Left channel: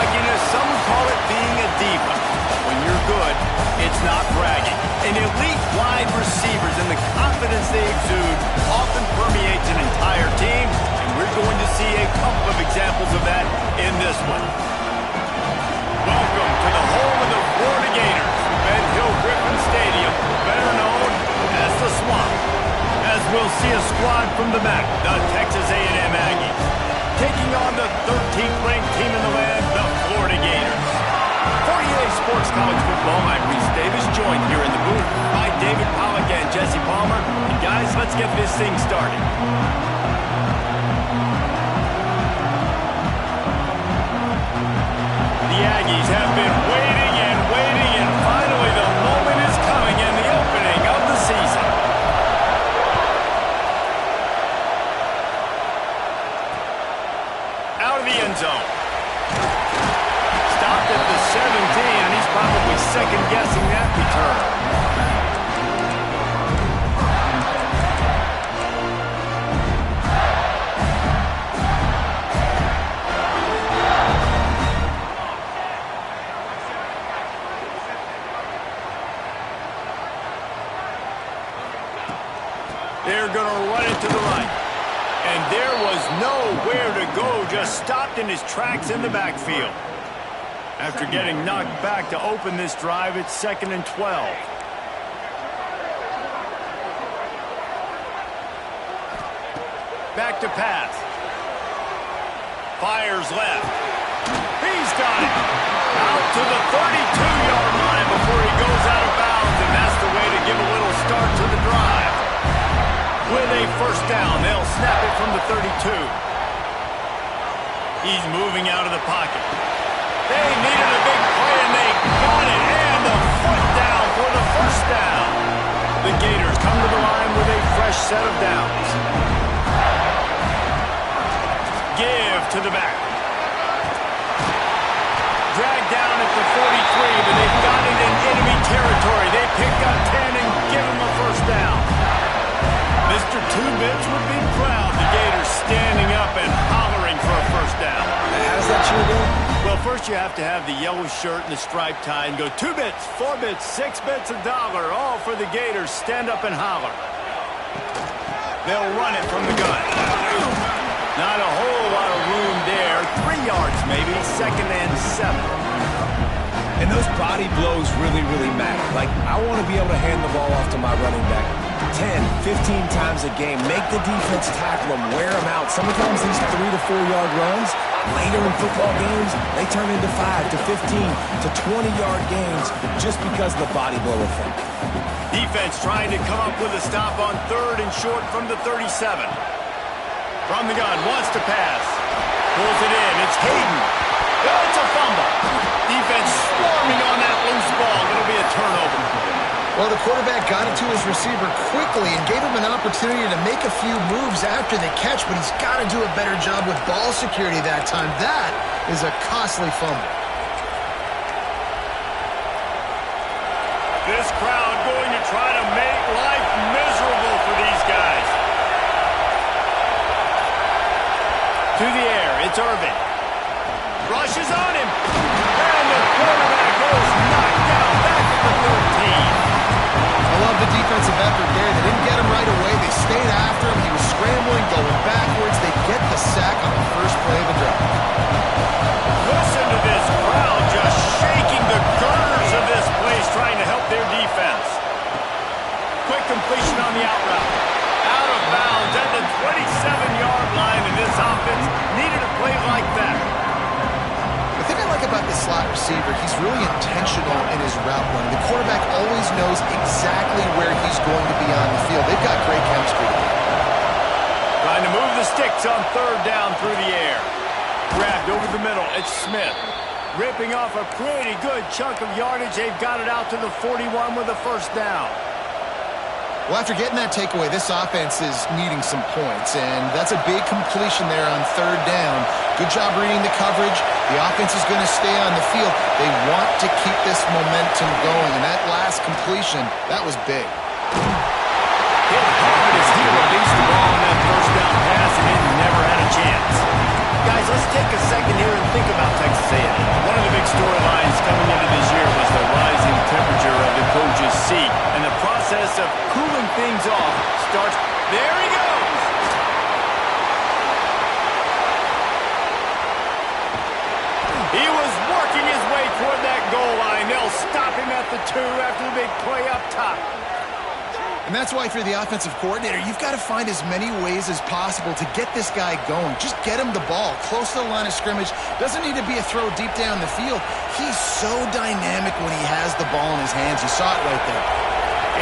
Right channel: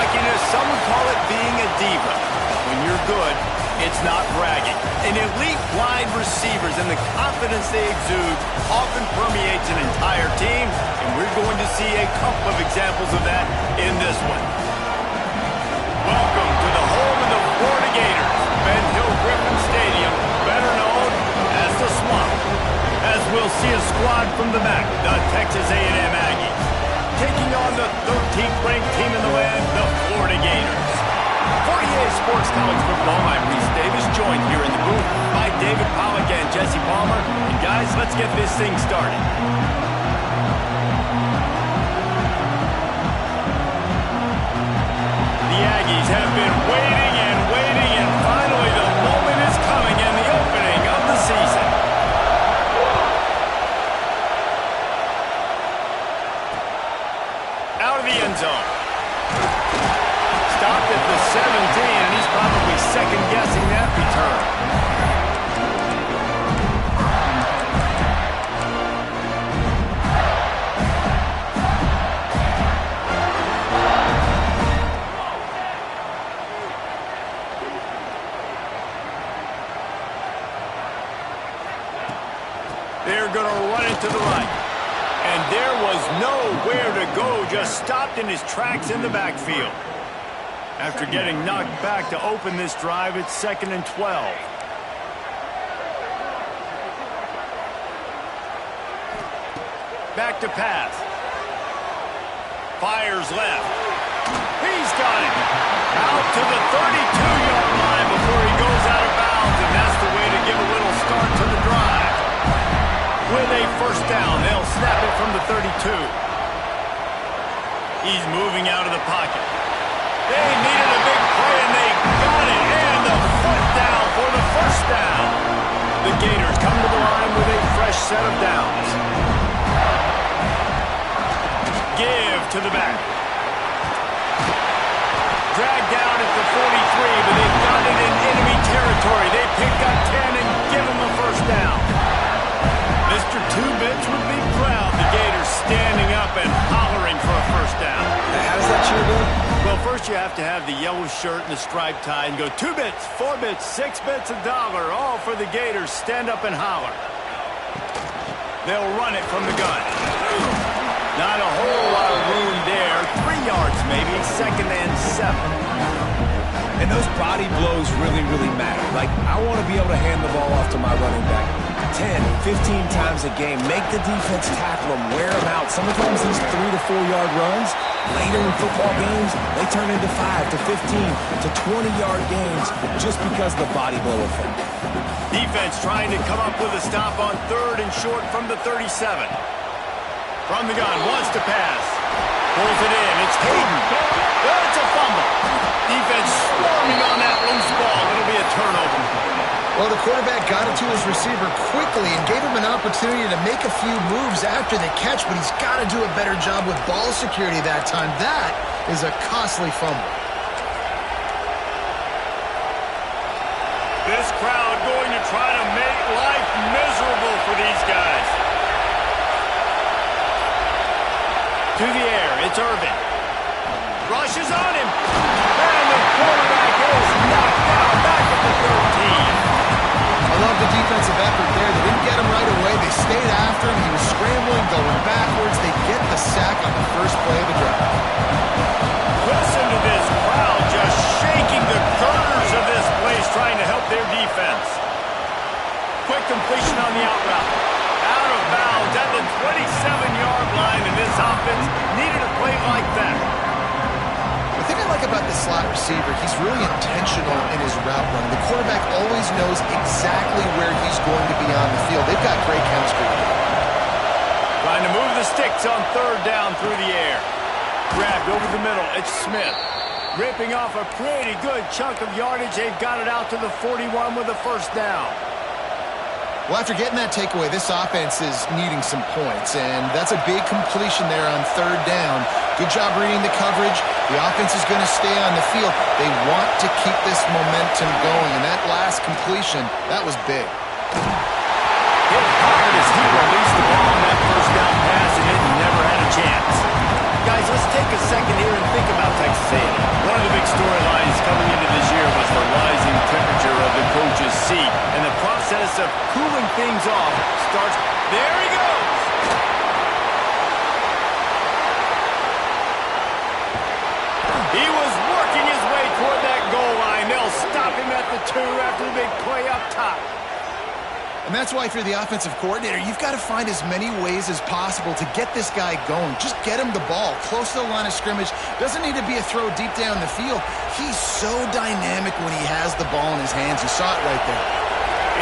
cockiness, some would call it being a diva. But when you're good, it's not bragging. And elite wide receivers and the confidence they exude often permeates an entire team, and we're going to see a couple of examples of that in this one. Welcome to the home of the Florida Gators, Ben Hill Griffin Stadium, better known as the Swamp. As we'll see a squad from the back, the Texas A&M Aggies, taking on the 13th ranked team in the land, the Florida Gators. For EA Sports College Football, I'm Reese Davis, joined here in the booth by David Pollack and Jesse Palmer. And guys, let's get this thing started. The Aggies have been waiting, and finally the moment is coming in the opening of the season. Out of the end zone. Stopped at the 17, and he's probably second-guessing that return. They're going to run it to the right. And there was nowhere to go, just stopped in his tracks in the backfield. After getting knocked back to open this drive, it's 2nd and 12. Back to pass. Fires left. He's got it. Out to the 32-yard line before he goes out of bounds, and that's the way to give a little start to the drive. With a first down, they'll snap it from the 32. He's moving out of the pocket. They needed a big play, and they got it. And the foot down for the first down. The Gators come to the line with a fresh set of downs. Give to the back. Dragged down at the 43, but they've got it in enemy territory. They pick up 10 and give him a first down. Mr. Two-Bits would be proud. The Gators standing up and hollering for a first down. How does that cheer go? Well, first you have to have the yellow shirt and the striped tie and go 2 bits, 4 bits, 6 bits, $1, all for the Gators. Stand up and holler. They'll run it from the gun. Not a whole lot of room there. 3 yards maybe, 2nd and 7. And those body blows really, really matter. Like, I want to be able to hand the ball off to my running back 10, 15 times a game. Make the defense tackle them, wear them out. Sometimes these 3 to 4 yard runs, later in football games, they turn into 5 to 15 to 20-yard gains just because of the body blow effect. Defense trying to come up with a stop on 3rd and short from the 37. From the gun, wants to pass. Pulls it in. It's Hayden. It's a fumble. Defense swarming on that loose ball. It'll be a turnover. Well, the quarterback got it to his receiver quickly and gave him an opportunity to make a few moves after the catch, but he's got to do a better job with ball security that time. That is a costly fumble. This crowd going to try to make life miserable for these guys. To the air, it's Irvin. Rushes on him. And the quarterback is knocked down back at the 13. I love the defensive effort there. They didn't get him right away. They stayed after him. He was scrambling, going backwards. They get the sack on the first play of the drive. Listen to this crowd just shaking the girders of this place, trying to help their defense. Quick completion on the out route. Out of bounds at the 27-yard line, and this offense needed a play like that. The thing I like about this slot receiver, he's really intentional in his route run. The quarterback always knows exactly where he's going to be on the field. They've got great chemistry together. Trying to move the sticks on 3rd down through the air. Grabbed over the middle. It's Smith. Ripping off a pretty good chunk of yardage. They've got it out to the 41 with a first down. Well, after getting that takeaway, this offense is needing some points, and that's a big completion there on 3rd down. Good job reading the coverage. The offense is going to stay on the field. They want to keep this momentum going, and that last completion, that was big. Hit hard as he released the ball on that first down pass, and it never had a chance. Guys, let's take a second here and think about Texas A&M. One of the big storylines coming into this year was the rising temperature of the coach's seat. And the process of cooling things off starts... There he goes! He was working his way toward that goal line. They'll stop him at the 2 after the big play up top. And that's why if you're the offensive coordinator, you've got to find as many ways as possible to get this guy going. Just get him the ball close to the line of scrimmage. Doesn't need to be a throw deep down the field. He's so dynamic when he has the ball in his hands. You saw it right there.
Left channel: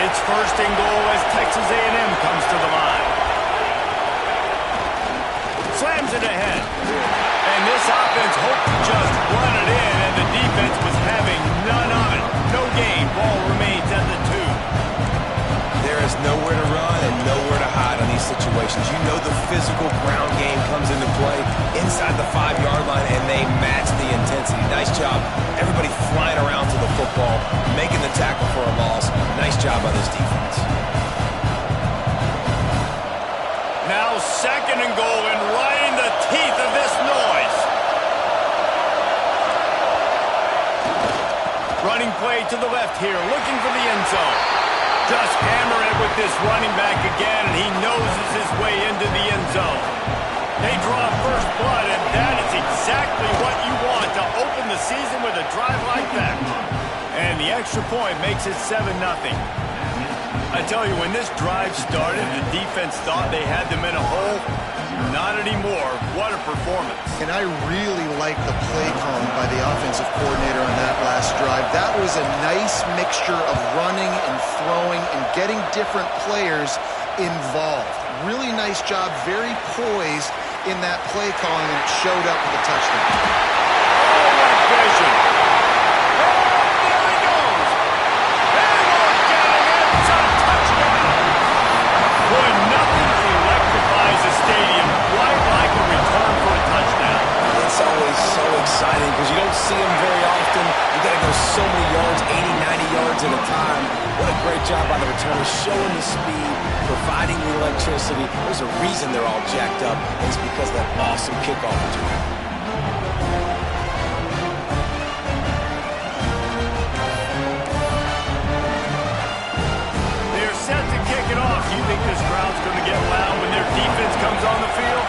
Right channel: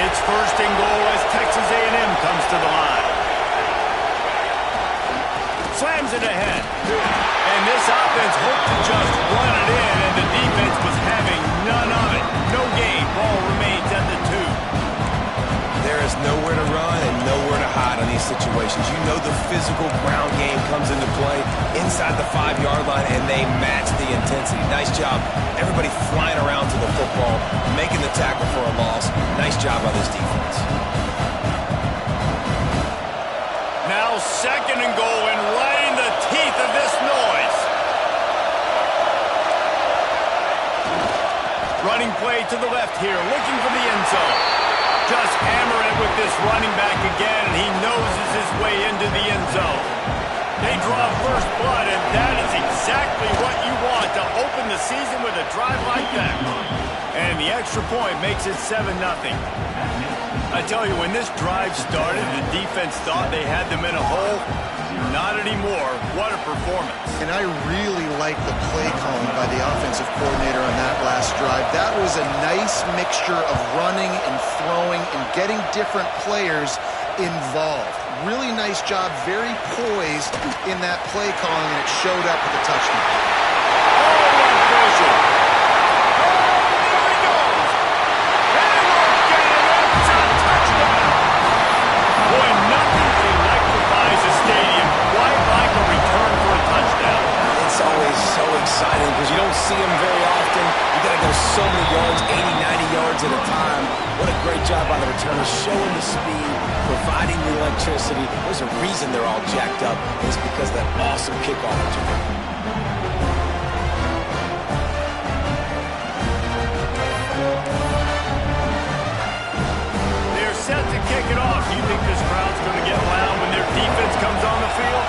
It's first and goal as Texas A&M comes to the line. Slams it ahead. And this offense hoped to just run it in, and the defense was having none of it. No gain. Ball remains at the 2. There is nowhere to run and nowhere to hide on these situations. You know the physical ground game comes into play inside the 5-yard line, and they match the intensity. Nice job. Everybody flying around to the football, making the tackle for a loss. Nice job by this defense. Now second and goal, and right in the teeth of this noise. Running play to the left here, looking for the end zone. Just hammer it with this running back again, and he noses his way into the end zone. They draw first blood, and that is exactly what you want to open the season with a drive like that. And the extra point makes it 7-0. I tell you, when this drive started, the defense thought they had them in a hole. Not anymore. What a performance. And I really like the play calling by the offensive coordinator on that last drive. That was a nice mixture of running and throwing and getting different players involved. Really nice job, very poised in that play calling, and it showed up with a touchdown. Oh, what vision. Oh, there he goes. They won't get him. It's a touchdown. Boy, nothing electrifies a stadium quite like a return for a touchdown. It's always so exciting because you don't see them very often. You got to go so many yards, 80, 90 yards at a time. What a great job by the returners, showing the speed, providing the electricity. There's a reason they're all jacked up, and it's because of that awesome kickoff return. They're set to kick it off. You think this crowd's going to get loud when their defense comes on the field?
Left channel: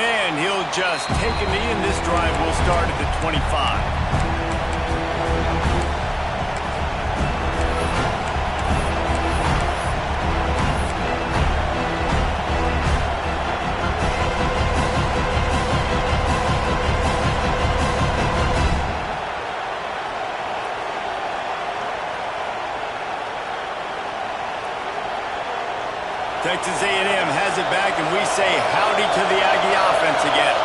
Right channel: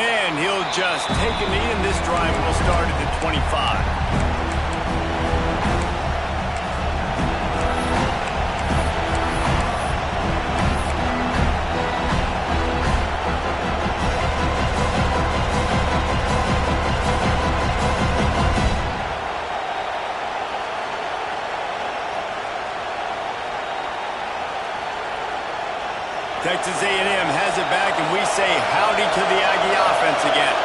And he'll just take a knee, and this drive will start at the 25. Texas A&M has it back, and we say howdy to the Aggie offense again.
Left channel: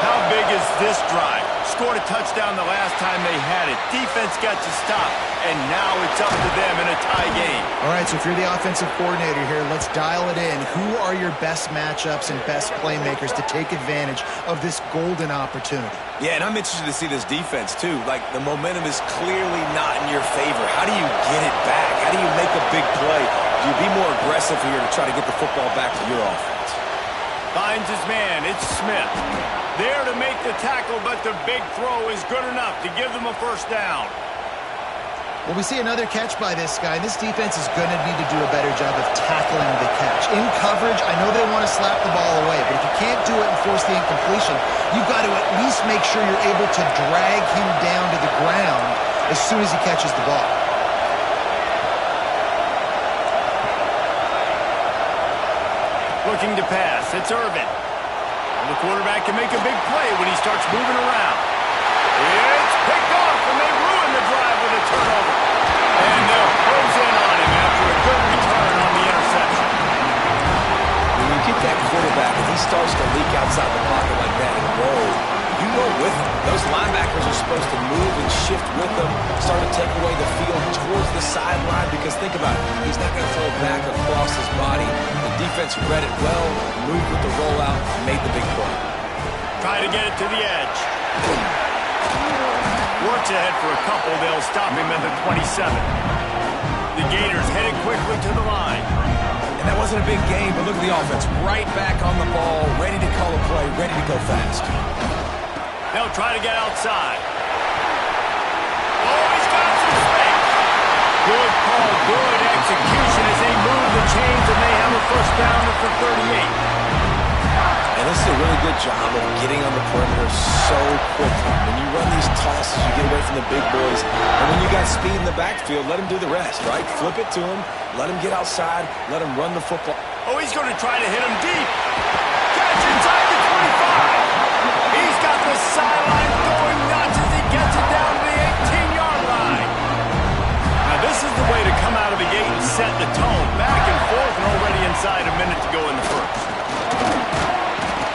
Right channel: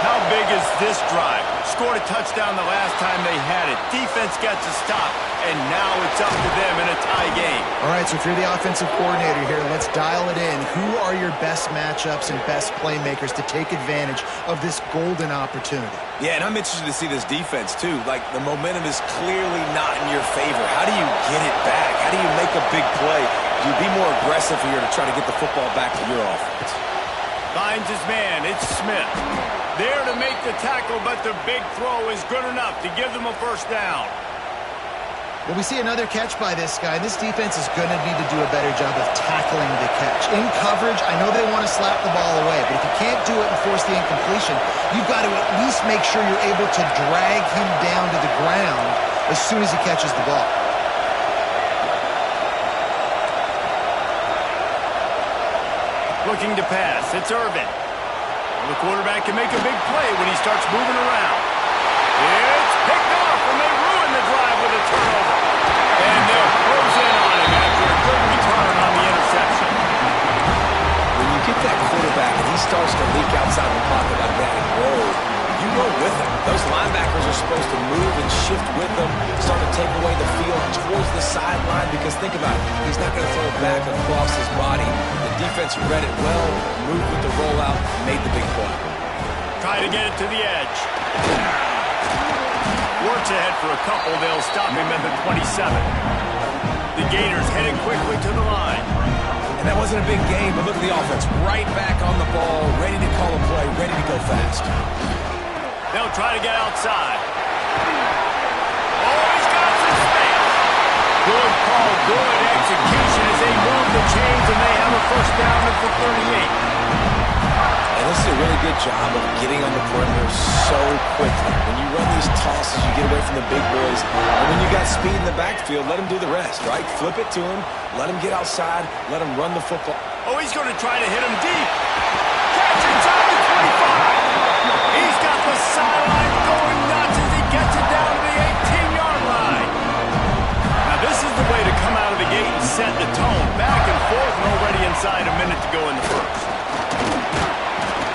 How big is this drive? Scored a touchdown the last time they had it. Defense got to stop, and now it's up to them in a tie game. All right, so if you're the offensive coordinator here, let's dial it in. Who are your best matchups and best playmakers to take advantage of this golden opportunity? Yeah, and I'm interested to see this defense, too. Like, the momentum is clearly not in your favor. How do you get it back? How do you make a big play? Do you be more aggressive here to try to get the football back to your offense? Finds his man. It's Smith. There to make the tackle, but the big throw is good enough to give them a first down. Well, we see another catch by this guy. This defense is going to need to do a better job of tackling the catch. In coverage, I know they want to slap the ball away, but if you can't do it and force the incompletion, you've got to at least make sure you're able to drag him down to the ground as soon as he catches the ball. Looking to pass. It's Irvin. The quarterback can make a big play when he starts moving around. It's picked off, and they ruin the drive with a turnover. And they'll close in on him after a good return on the interception. When you get that quarterback and he starts to leak outside the pocket like that and roll, you roll with him. Those linebackers are supposed to move and shift with them, start to take away the field towards the sideline, because think about it, he's not going to throw it back across his body. The defense read it well, moved with the rollout, made the big play. Try to get it to the edge. Works ahead for a couple. They'll stop him at the 27. The Gators headed quickly to the line. And that wasn't a big game, but look at the offense. Right back on the ball, ready to call a play, ready to go fast. They'll try to get outside. Oh, he's got some space. Good call, good execution as they move the chains, and they have a first down at the 38. And this is a really good job of getting on the perimeter so quickly. When you run these tosses, you get away from the big boys. And when you got speed in the backfield, let them do the rest, right? Flip it to him, let him get outside, let him run the football. Oh, he's going to try to hit him deep. Catch inside the 25. He's got the sideline going nuts as he gets it down to the 18-yard line. Now, this is the way to come out of the gate and set the tone. Back and forth and already inside a minute to go in the first.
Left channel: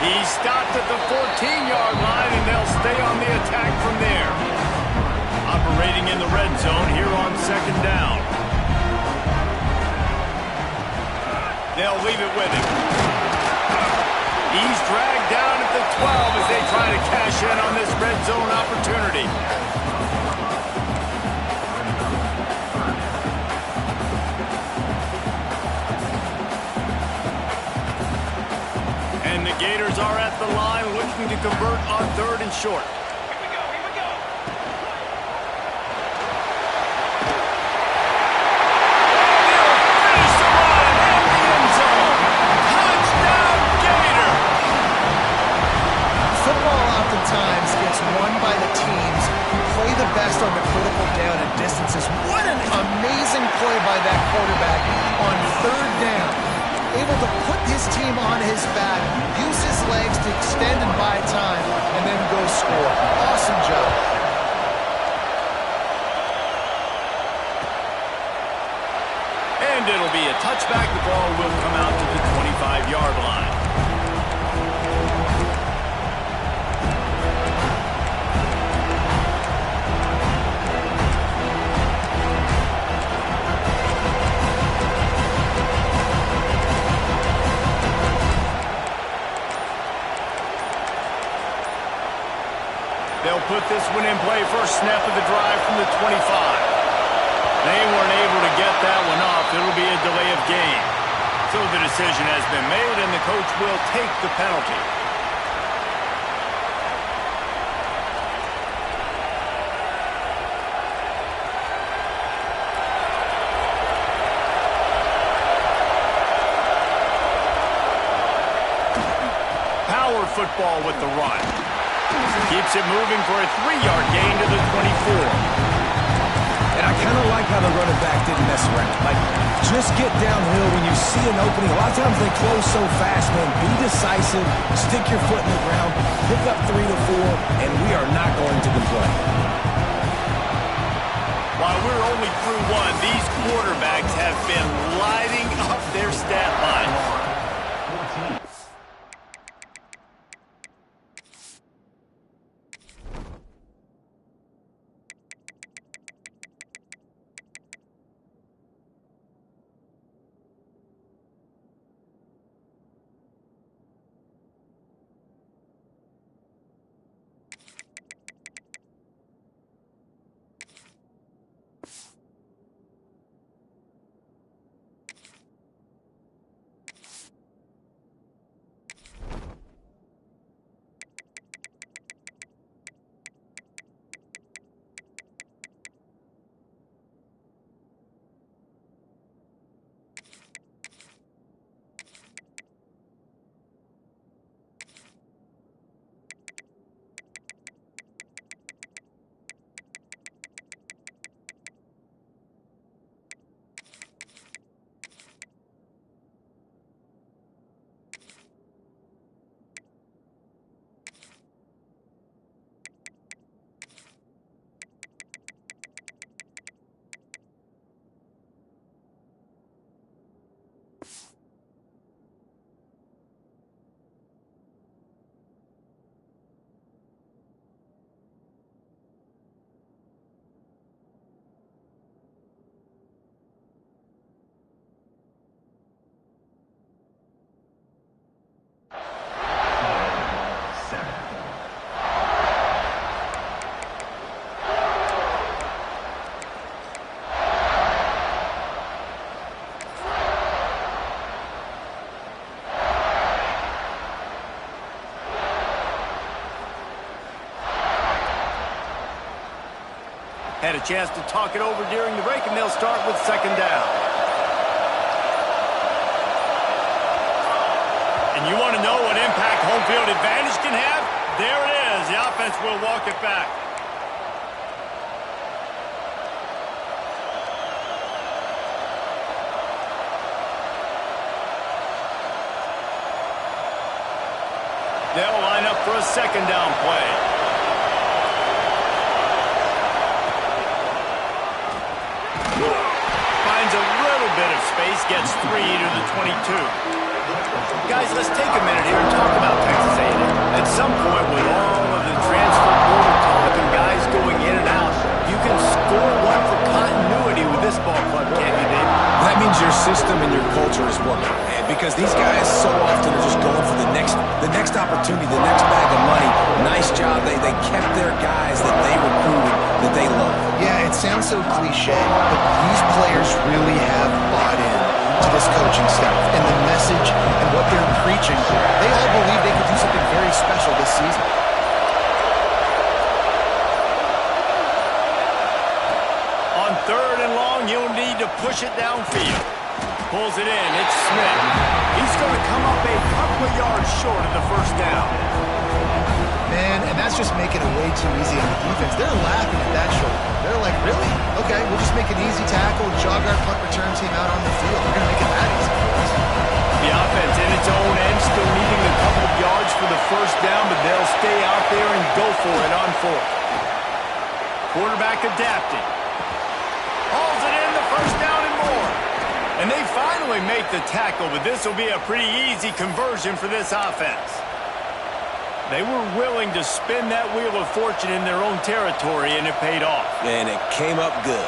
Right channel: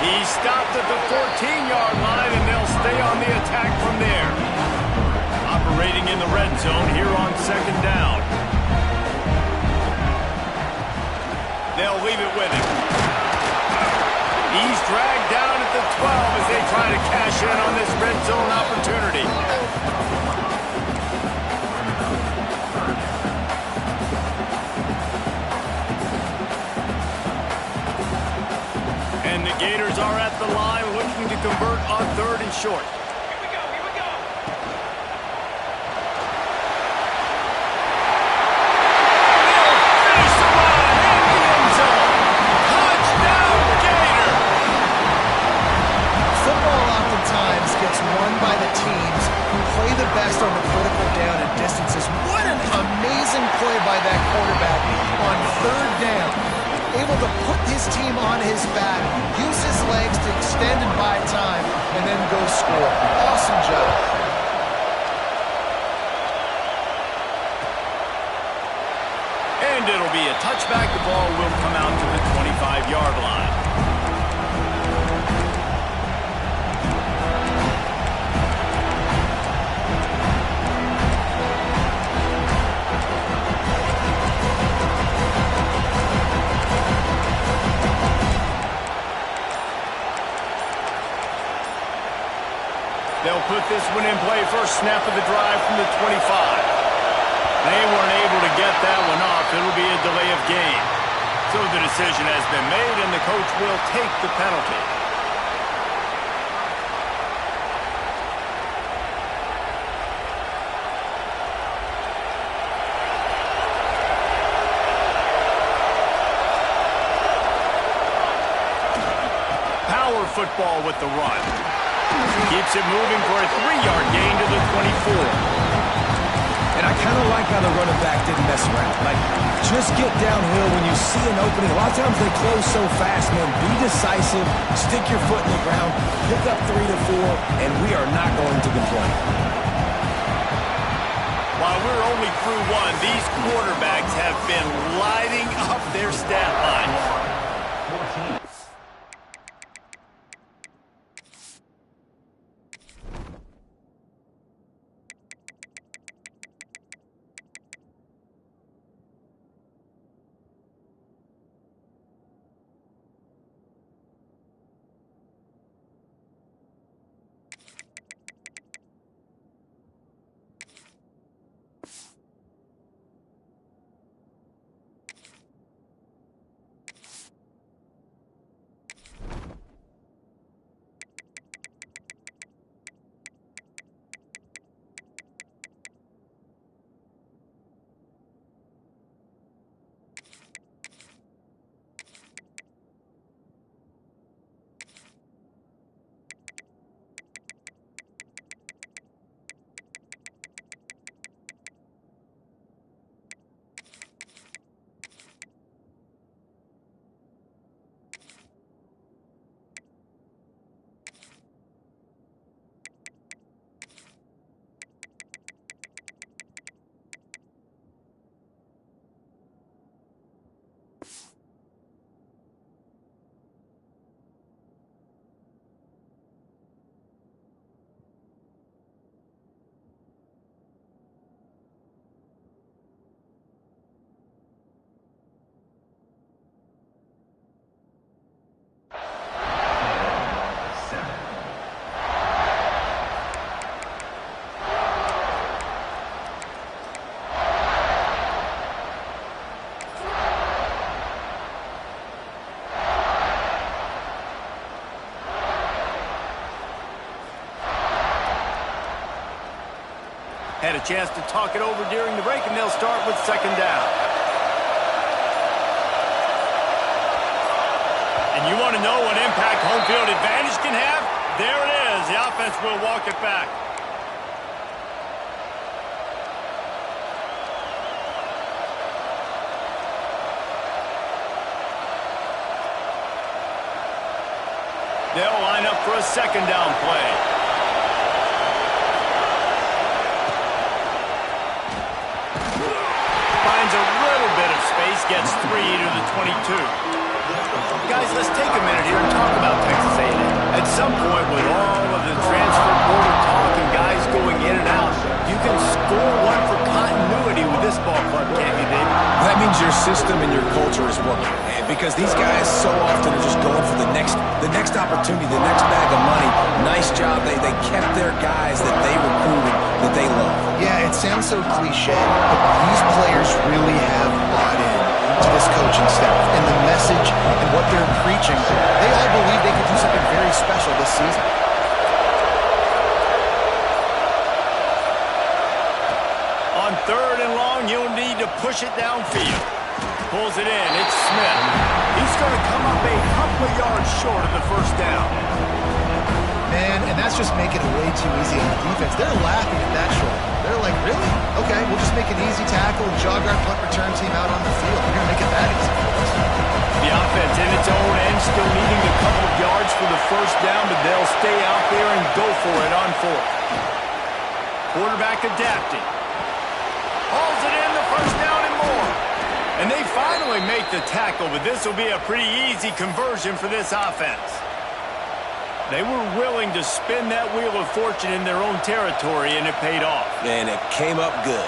He stopped at the 14-yard line, and they'll stay on the attack from there. Operating in the red zone here on second down. They'll leave it with him. He's dragged down at the 12 as they try to cash in on this red zone opportunity. And the Gators are at the line looking to convert on third and short. Here we go, here we go. And he'll finish the run in the end zone. Touchdown, Gator! Football oftentimes gets won by the teams who play the best on the critical down and distances. What an amazing play by that quarterback on third down. Able to put his team on his back, use his legs to extend and buy time, and then go score. Awesome job. And it'll be a touchback. The ball will come out to the 25-yard line. They'll put this one in play. First snap of the drive from the 25. They weren't able to get that one off. It'll be a delay of game. So the decision has been made, and the coach will take the penalty. Power football with the run. Keeps it moving for a 3-yard gain to the 24. And I kind of like how the running back didn't mess around. Like, just get downhill when you see an opening. A lot of times they close so fast, man. Be decisive, stick your foot in the ground, pick up 3 to 4, and we are not going to complain. While we're only through one, these quarterbacks have been lighting up their stat lines. Had a chance to talk it over during the break, and they'll start with second down. And you want to know what impact home field advantage can have? There it is. The offense will walk it back. They'll line up for a second down play. Finds a little bit of space, gets 3 to the 22. Guys, let's take a minute here and talk about Texas A&M. At some point, with all of the transfer portal talk and guys going in and out, you can score one for continuity with this ball club, can't you, Dave? That means your system and your culture is working. And because these guys so often are just going for the next opportunity, the next bag of money. Nice job. They kept their guys that they recruited, that they love. Yeah, it sounds so cliche, but these players really have bought in to this coaching staff and the message and what they're preaching. They all believe they could do something very special this season. On third and long, you'll need to push it downfield. Pulls it in. It's Smith. He's going to come up a couple of yards short of the first down. Man, and that's just making it way too easy on the defense. They're laughing at that shoulder. They're like, really? Okay, we'll just make an easy tackle and jog our punt return team out on the field. We're going to make it that easy for us. The offense in its own end, still needing a couple of yards for the first down, but they'll stay out there and go for it on fourth. Quarterback adapting. Hauls it in, the first down and more. And they finally make the tackle, but this will be a pretty easy conversion for this offense. They were willing to spin that wheel of fortune in their own territory, and it paid off. And it came up good.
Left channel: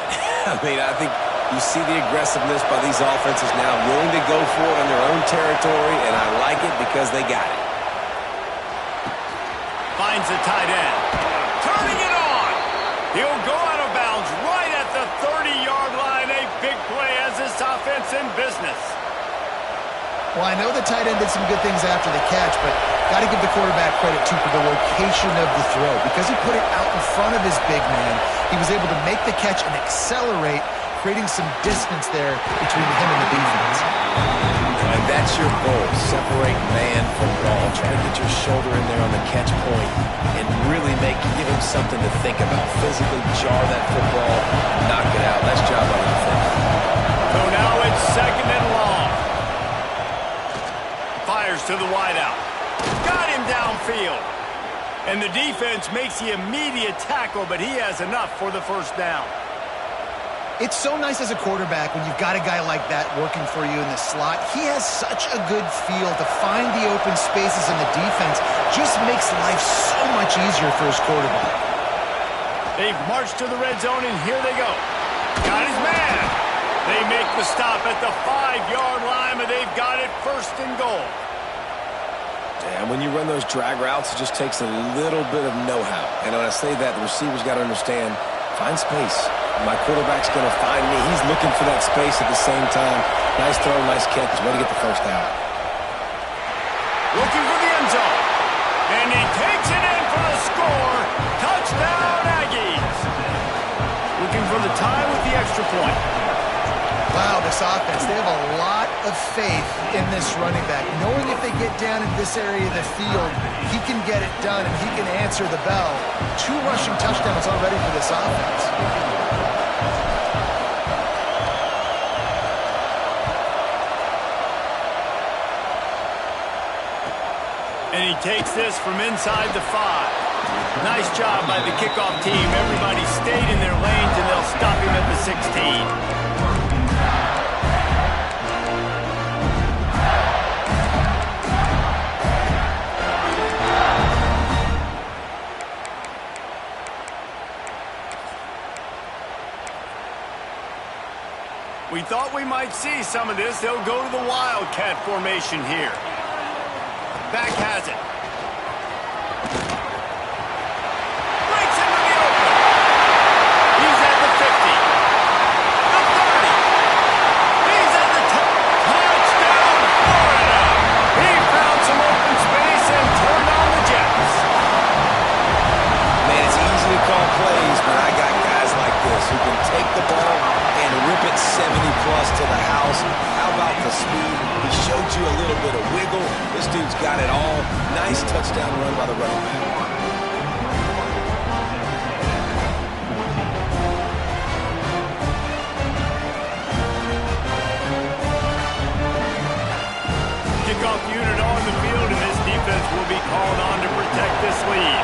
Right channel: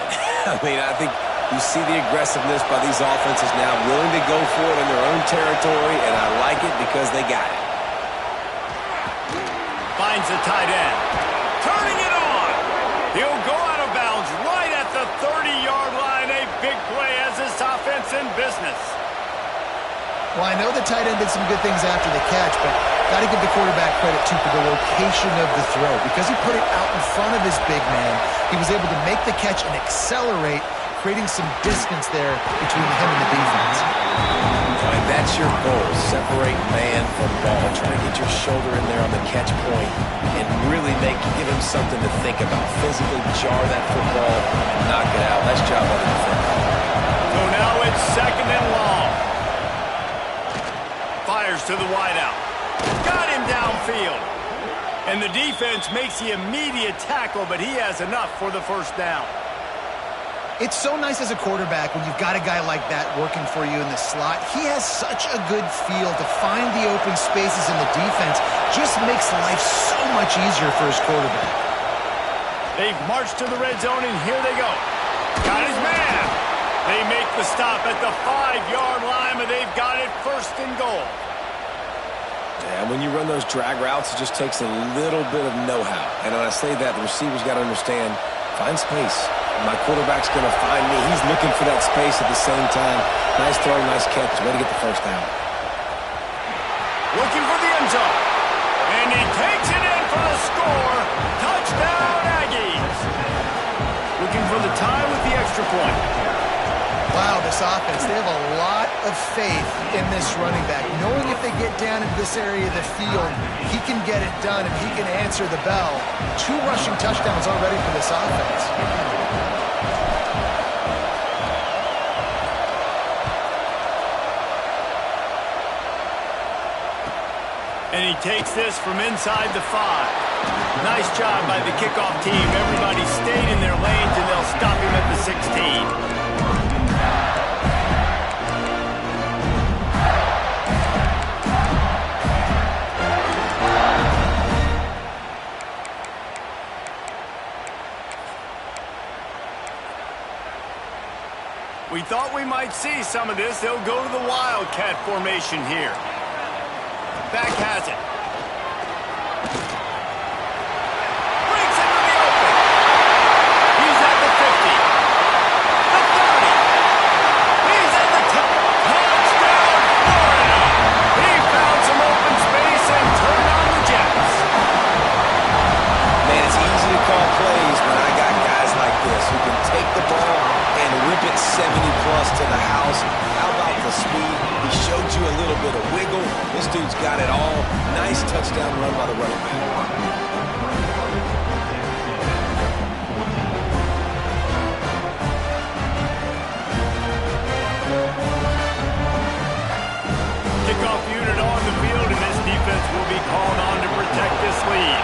I mean, I think you see the aggressiveness by these offenses now, willing to go for it in their own territory, and I like it because they got it. Finds the tight end. Turning it on. He'll go out of bounds right at the 30-yard line. A big play as this offense in business. Well, I know the tight end did some good things after the catch, but got to give the quarterback credit, too, for the location of the throw. Because he put it out in front of his big man, he was able to make the catch and accelerate, creating some distance there between him and the defense. And that's your goal, separate man from ball. Try to get your shoulder in there on the catch point and really give him something to think about. Physically jar that football and knock it out. Nice job by the defender. So now it's second and long. Fires to the wideout. Got him downfield. And the defense makes the immediate tackle, but he has enough for the first down. It's so nice as a quarterback when you've got a guy like that working for you in the slot. He has such a good feel to find the open spaces in the defense. Just makes life so much easier for his quarterback. They've marched to the red zone, and here they go. Got his man. They make the stop at the 5-yard line, but they've got it first and goal. Yeah, when you run those drag routes, it just takes a little bit of know-how. And when I say that, the receiver's got to understand, find space. My quarterback's going to find me. He's looking for that space at the same time. Nice throw, nice catch. Way to get the first down. Looking for the end zone. And he takes it in for the score. Touchdown, Aggies. Looking for the tie with the extra point. Wow, this offense, they have a lot of faith in this running back. Knowing if they get down into this area of the field, he can get it done and he can answer the bell. 2 rushing touchdowns already for this offense. And he takes this from inside the 5. Nice job by the kickoff team. Everybody stayed in their lanes, and they'll stop him at the 16. We thought we might see some of this. They'll go to the Wildcat formation here. Back has it. Breaks into the open. He's at the 50. The 30. He's at the touchdown, Florida. He found some open space and turned on the Jets. Man, it's easy to call plays when I got guys like this who can take the ball and rip it 70-plus to the house. How about the speed? He showed you a little bit of wiggle. This dude's got it all. Nice touchdown run by the running back. Kickoff unit on the field, and this defense will be called on to protect this lead.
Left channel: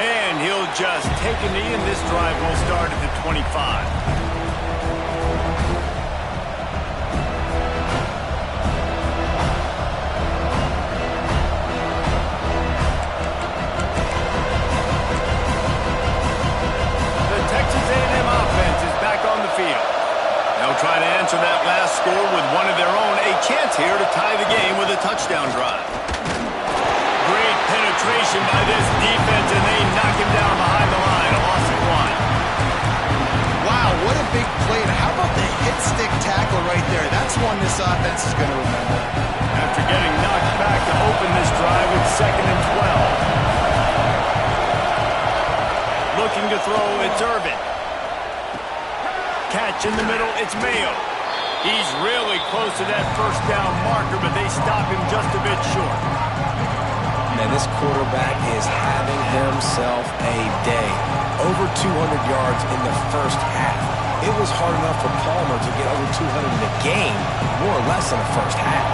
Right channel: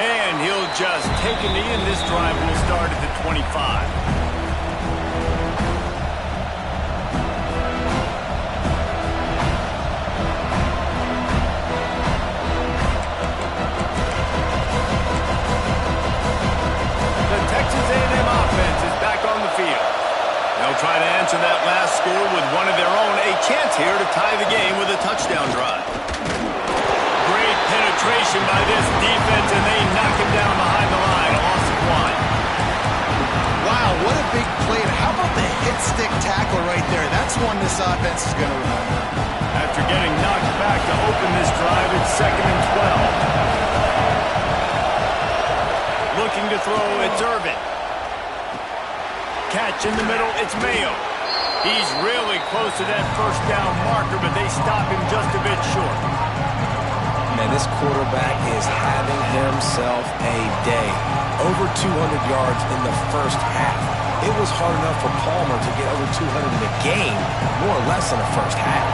And he'll just take a knee, and this drive will start at the 25. Texas A&M offense is back on the field. They'll try to answer that last score with one of their own. A chance here to tie the game with a touchdown drive. Great penetration by this defense, and they knock him down behind the line. A loss of 1. Wow, what a big play. And how about the hit stick tackle right there? That's one this offense is going to remember. After getting knocked back to open this drive, it's 2nd and 12. Looking to throw, it's Irvin. Catch in the middle, it's Mayo. He's really close to that first down marker, but they stop him just a bit short. Man, this quarterback is having himself a day. Over 200 yards in the first half. It was hard enough for Palmer to get over 200 in a game, more or less in the first half.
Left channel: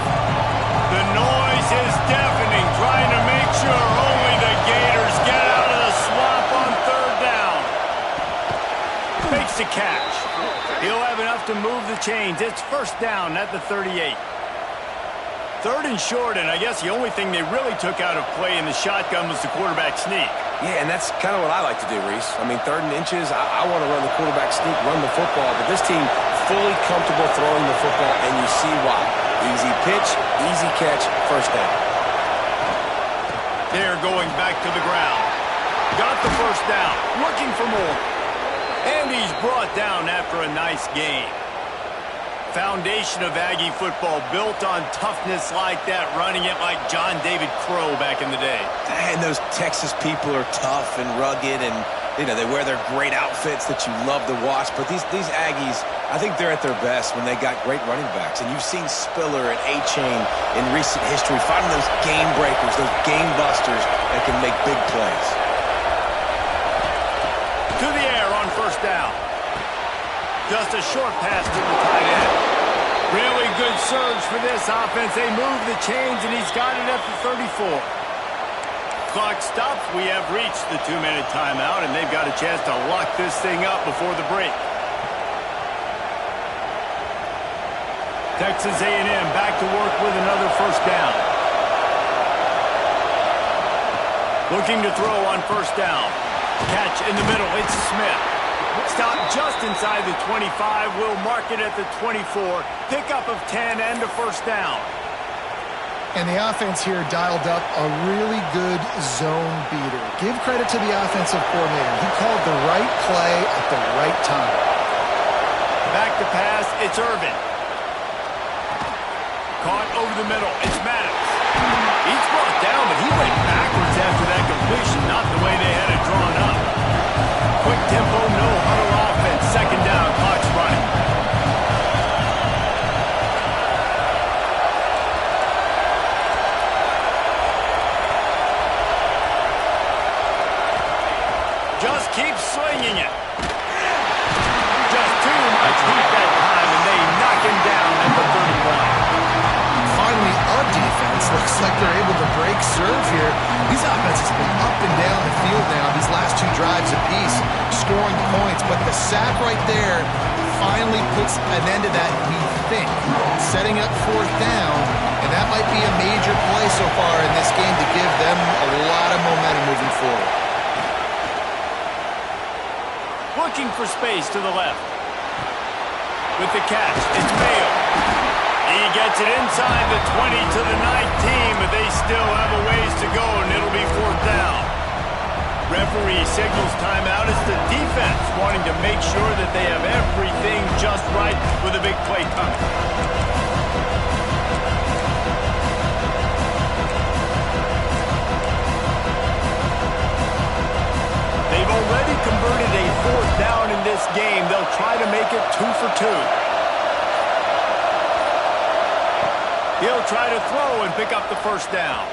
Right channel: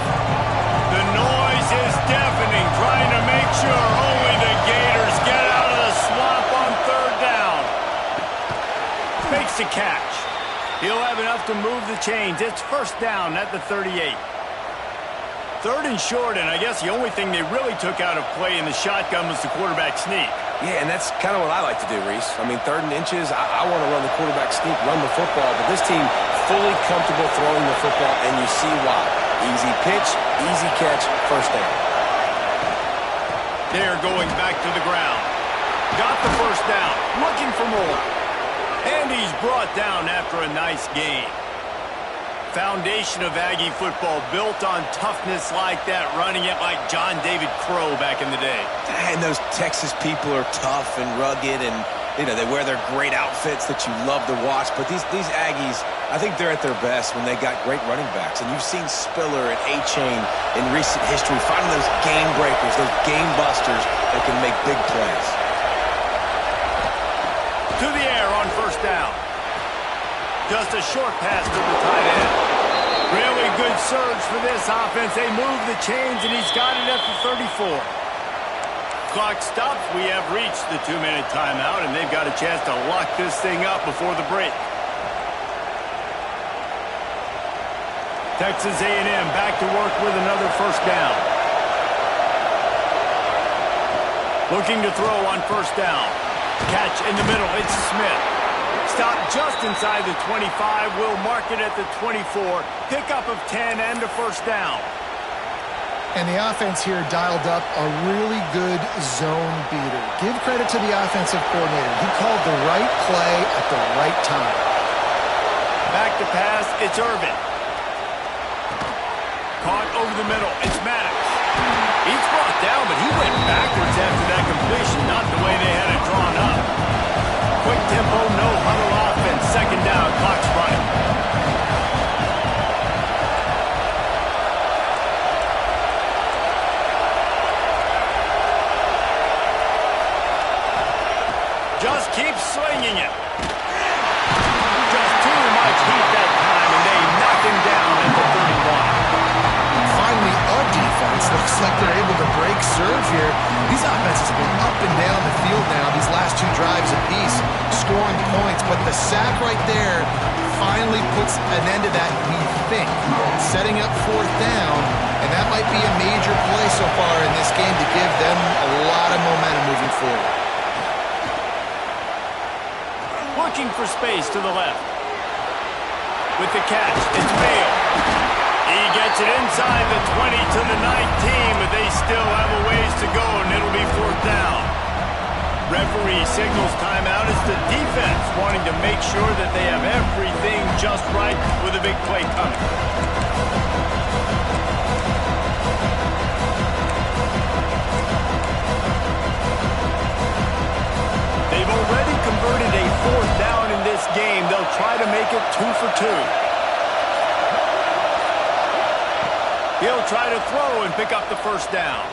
The noise is deafening, trying to make sure only the Gators get out of the swamp on 3rd down. Makes the catch. He'll have enough to move the chains. It's 1st down at the 38. 3rd and short, and I guess the only thing they really took out of play in the shotgun was the quarterback sneak. Yeah, and that's kind of what I like to do, Reese. I mean, 3rd and inches, I want to run the quarterback sneak, run the football, but this team fully comfortable throwing the football, and you see why. Easy pitch, easy catch, 1st down. They're going back to the ground. Got the 1st down, looking for more. And he's brought down after a nice game. Foundation of Aggie football built on toughness like that, running it like John David Crow back in the day. And those Texas people are tough and rugged, and they wear their great outfits that you love to watch. But these Aggies, I think they're at their best when they got great running backs. And you've seen Spiller and A-Chain in recent history finding those game breakers, those game busters that can make big plays. To the air on 1st down. Just a short pass to the tight end. Really good surge for this offense. They move the chains, and he's got it at the 34. Clock stops. We have reached the 2-minute timeout, and they've got a chance to lock this thing up before the break. Texas A&M back to work with another 1st down. Looking to throw on 1st down. Catch in the middle, it's Smith. Stop just inside the 25, will mark it at the 24. Pickup of 10 and a 1st down. And the offense here dialed up a really good zone beater. Give credit to the offensive coordinator. He called the right play at the right time. Back to pass, it's Irvin. Caught over the middle, it's Maddox. He's brought down, but he went backwards after that completion, not the way they had it drawn up. Quick tempo, no huddle offense. 2nd down, clock's running. Just keep swinging it. Just too much heat that time, and they knock him down at the 31. Finally, a defense looks like they're able to break serve here. These offenses have been up and down the field now these last 2 drives apiece, scoring points. But the sack right there finally puts an end to that, we think. Setting up 4th down, and that might be a major play so far in this game to give them a lot of momentum moving forward. Looking for space to the left. With the catch, it's Mayo. He gets it inside the 20 to the 19, but they still have a ways to go, and it'll be 4th down. Referee signals timeout. It's the defense wanting to make sure that they have everything just right with a big play coming. They've already converted a 4th down in this game. They'll try to make it 2 for 2. He'll try to throw and pick up the 1st down.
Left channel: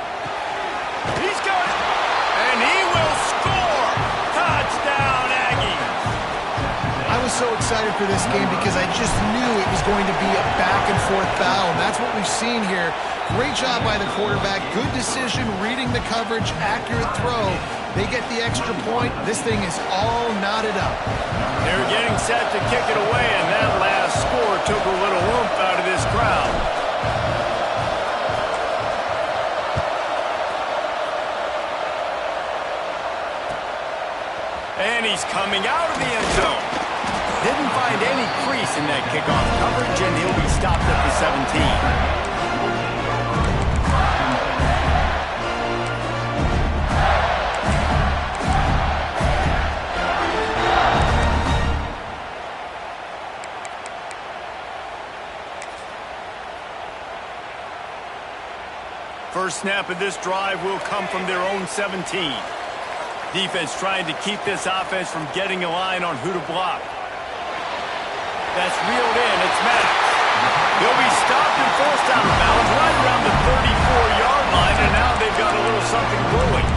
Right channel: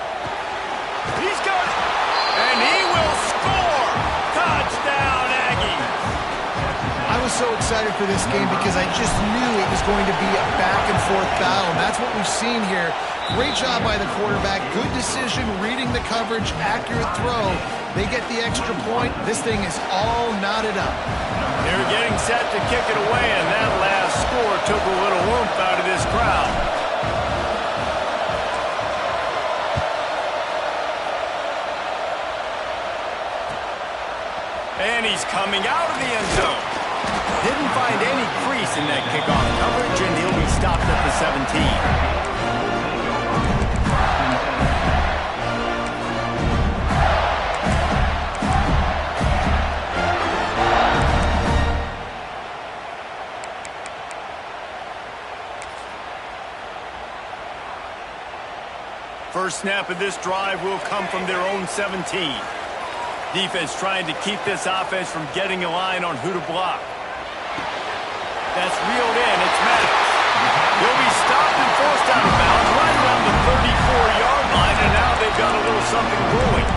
He's got it. And he will score. Touchdown, Aggies. I was so excited for this game because I just knew it was going to be a back-and-forth battle, and that's what we've seen here. Great job by the quarterback. Good decision, reading the coverage, accurate throw. They get the extra point. This thing is all knotted up. They're getting set to kick it away, and that last score took a little oomph out of this crowd. And he's coming out of the end zone. Didn't find any crease in that kickoff coverage, and he'll be stopped at the 17. First snap of this drive will come from their own 17. Defense trying to keep this offense from getting a line on who to block. That's reeled in. It's Maddox. He'll be stopped and forced out of bounds right around the 34-yard line, and now they've got a little something brewing.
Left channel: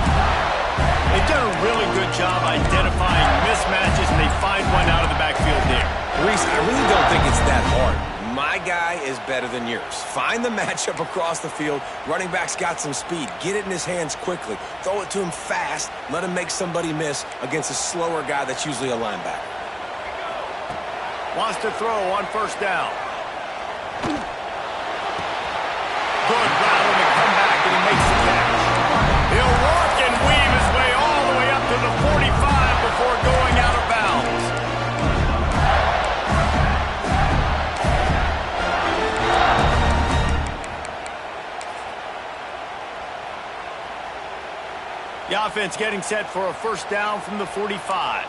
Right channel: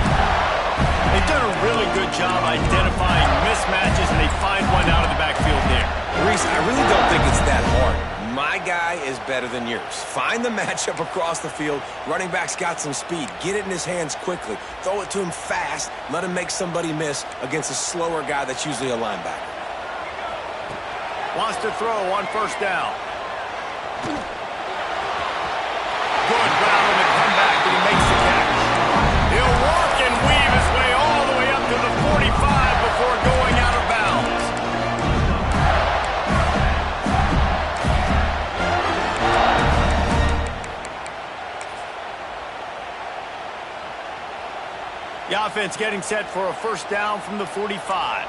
They've done a really good job identifying mismatches, and they find one out of the backfield there. Reese, I really don't think it's that hard. My guy is better than yours. Find the matchup across the field. Running back's got some speed. Get it in his hands quickly. Throw it to him fast. Let him make somebody miss against a slower guy that's usually a linebacker. Wants to throw on 1st down. Good route on the comeback, and he makes the catch. He'll work and weave his way all the way up to the 45 before going out of bounds. The offense getting set for a 1st down from the 45.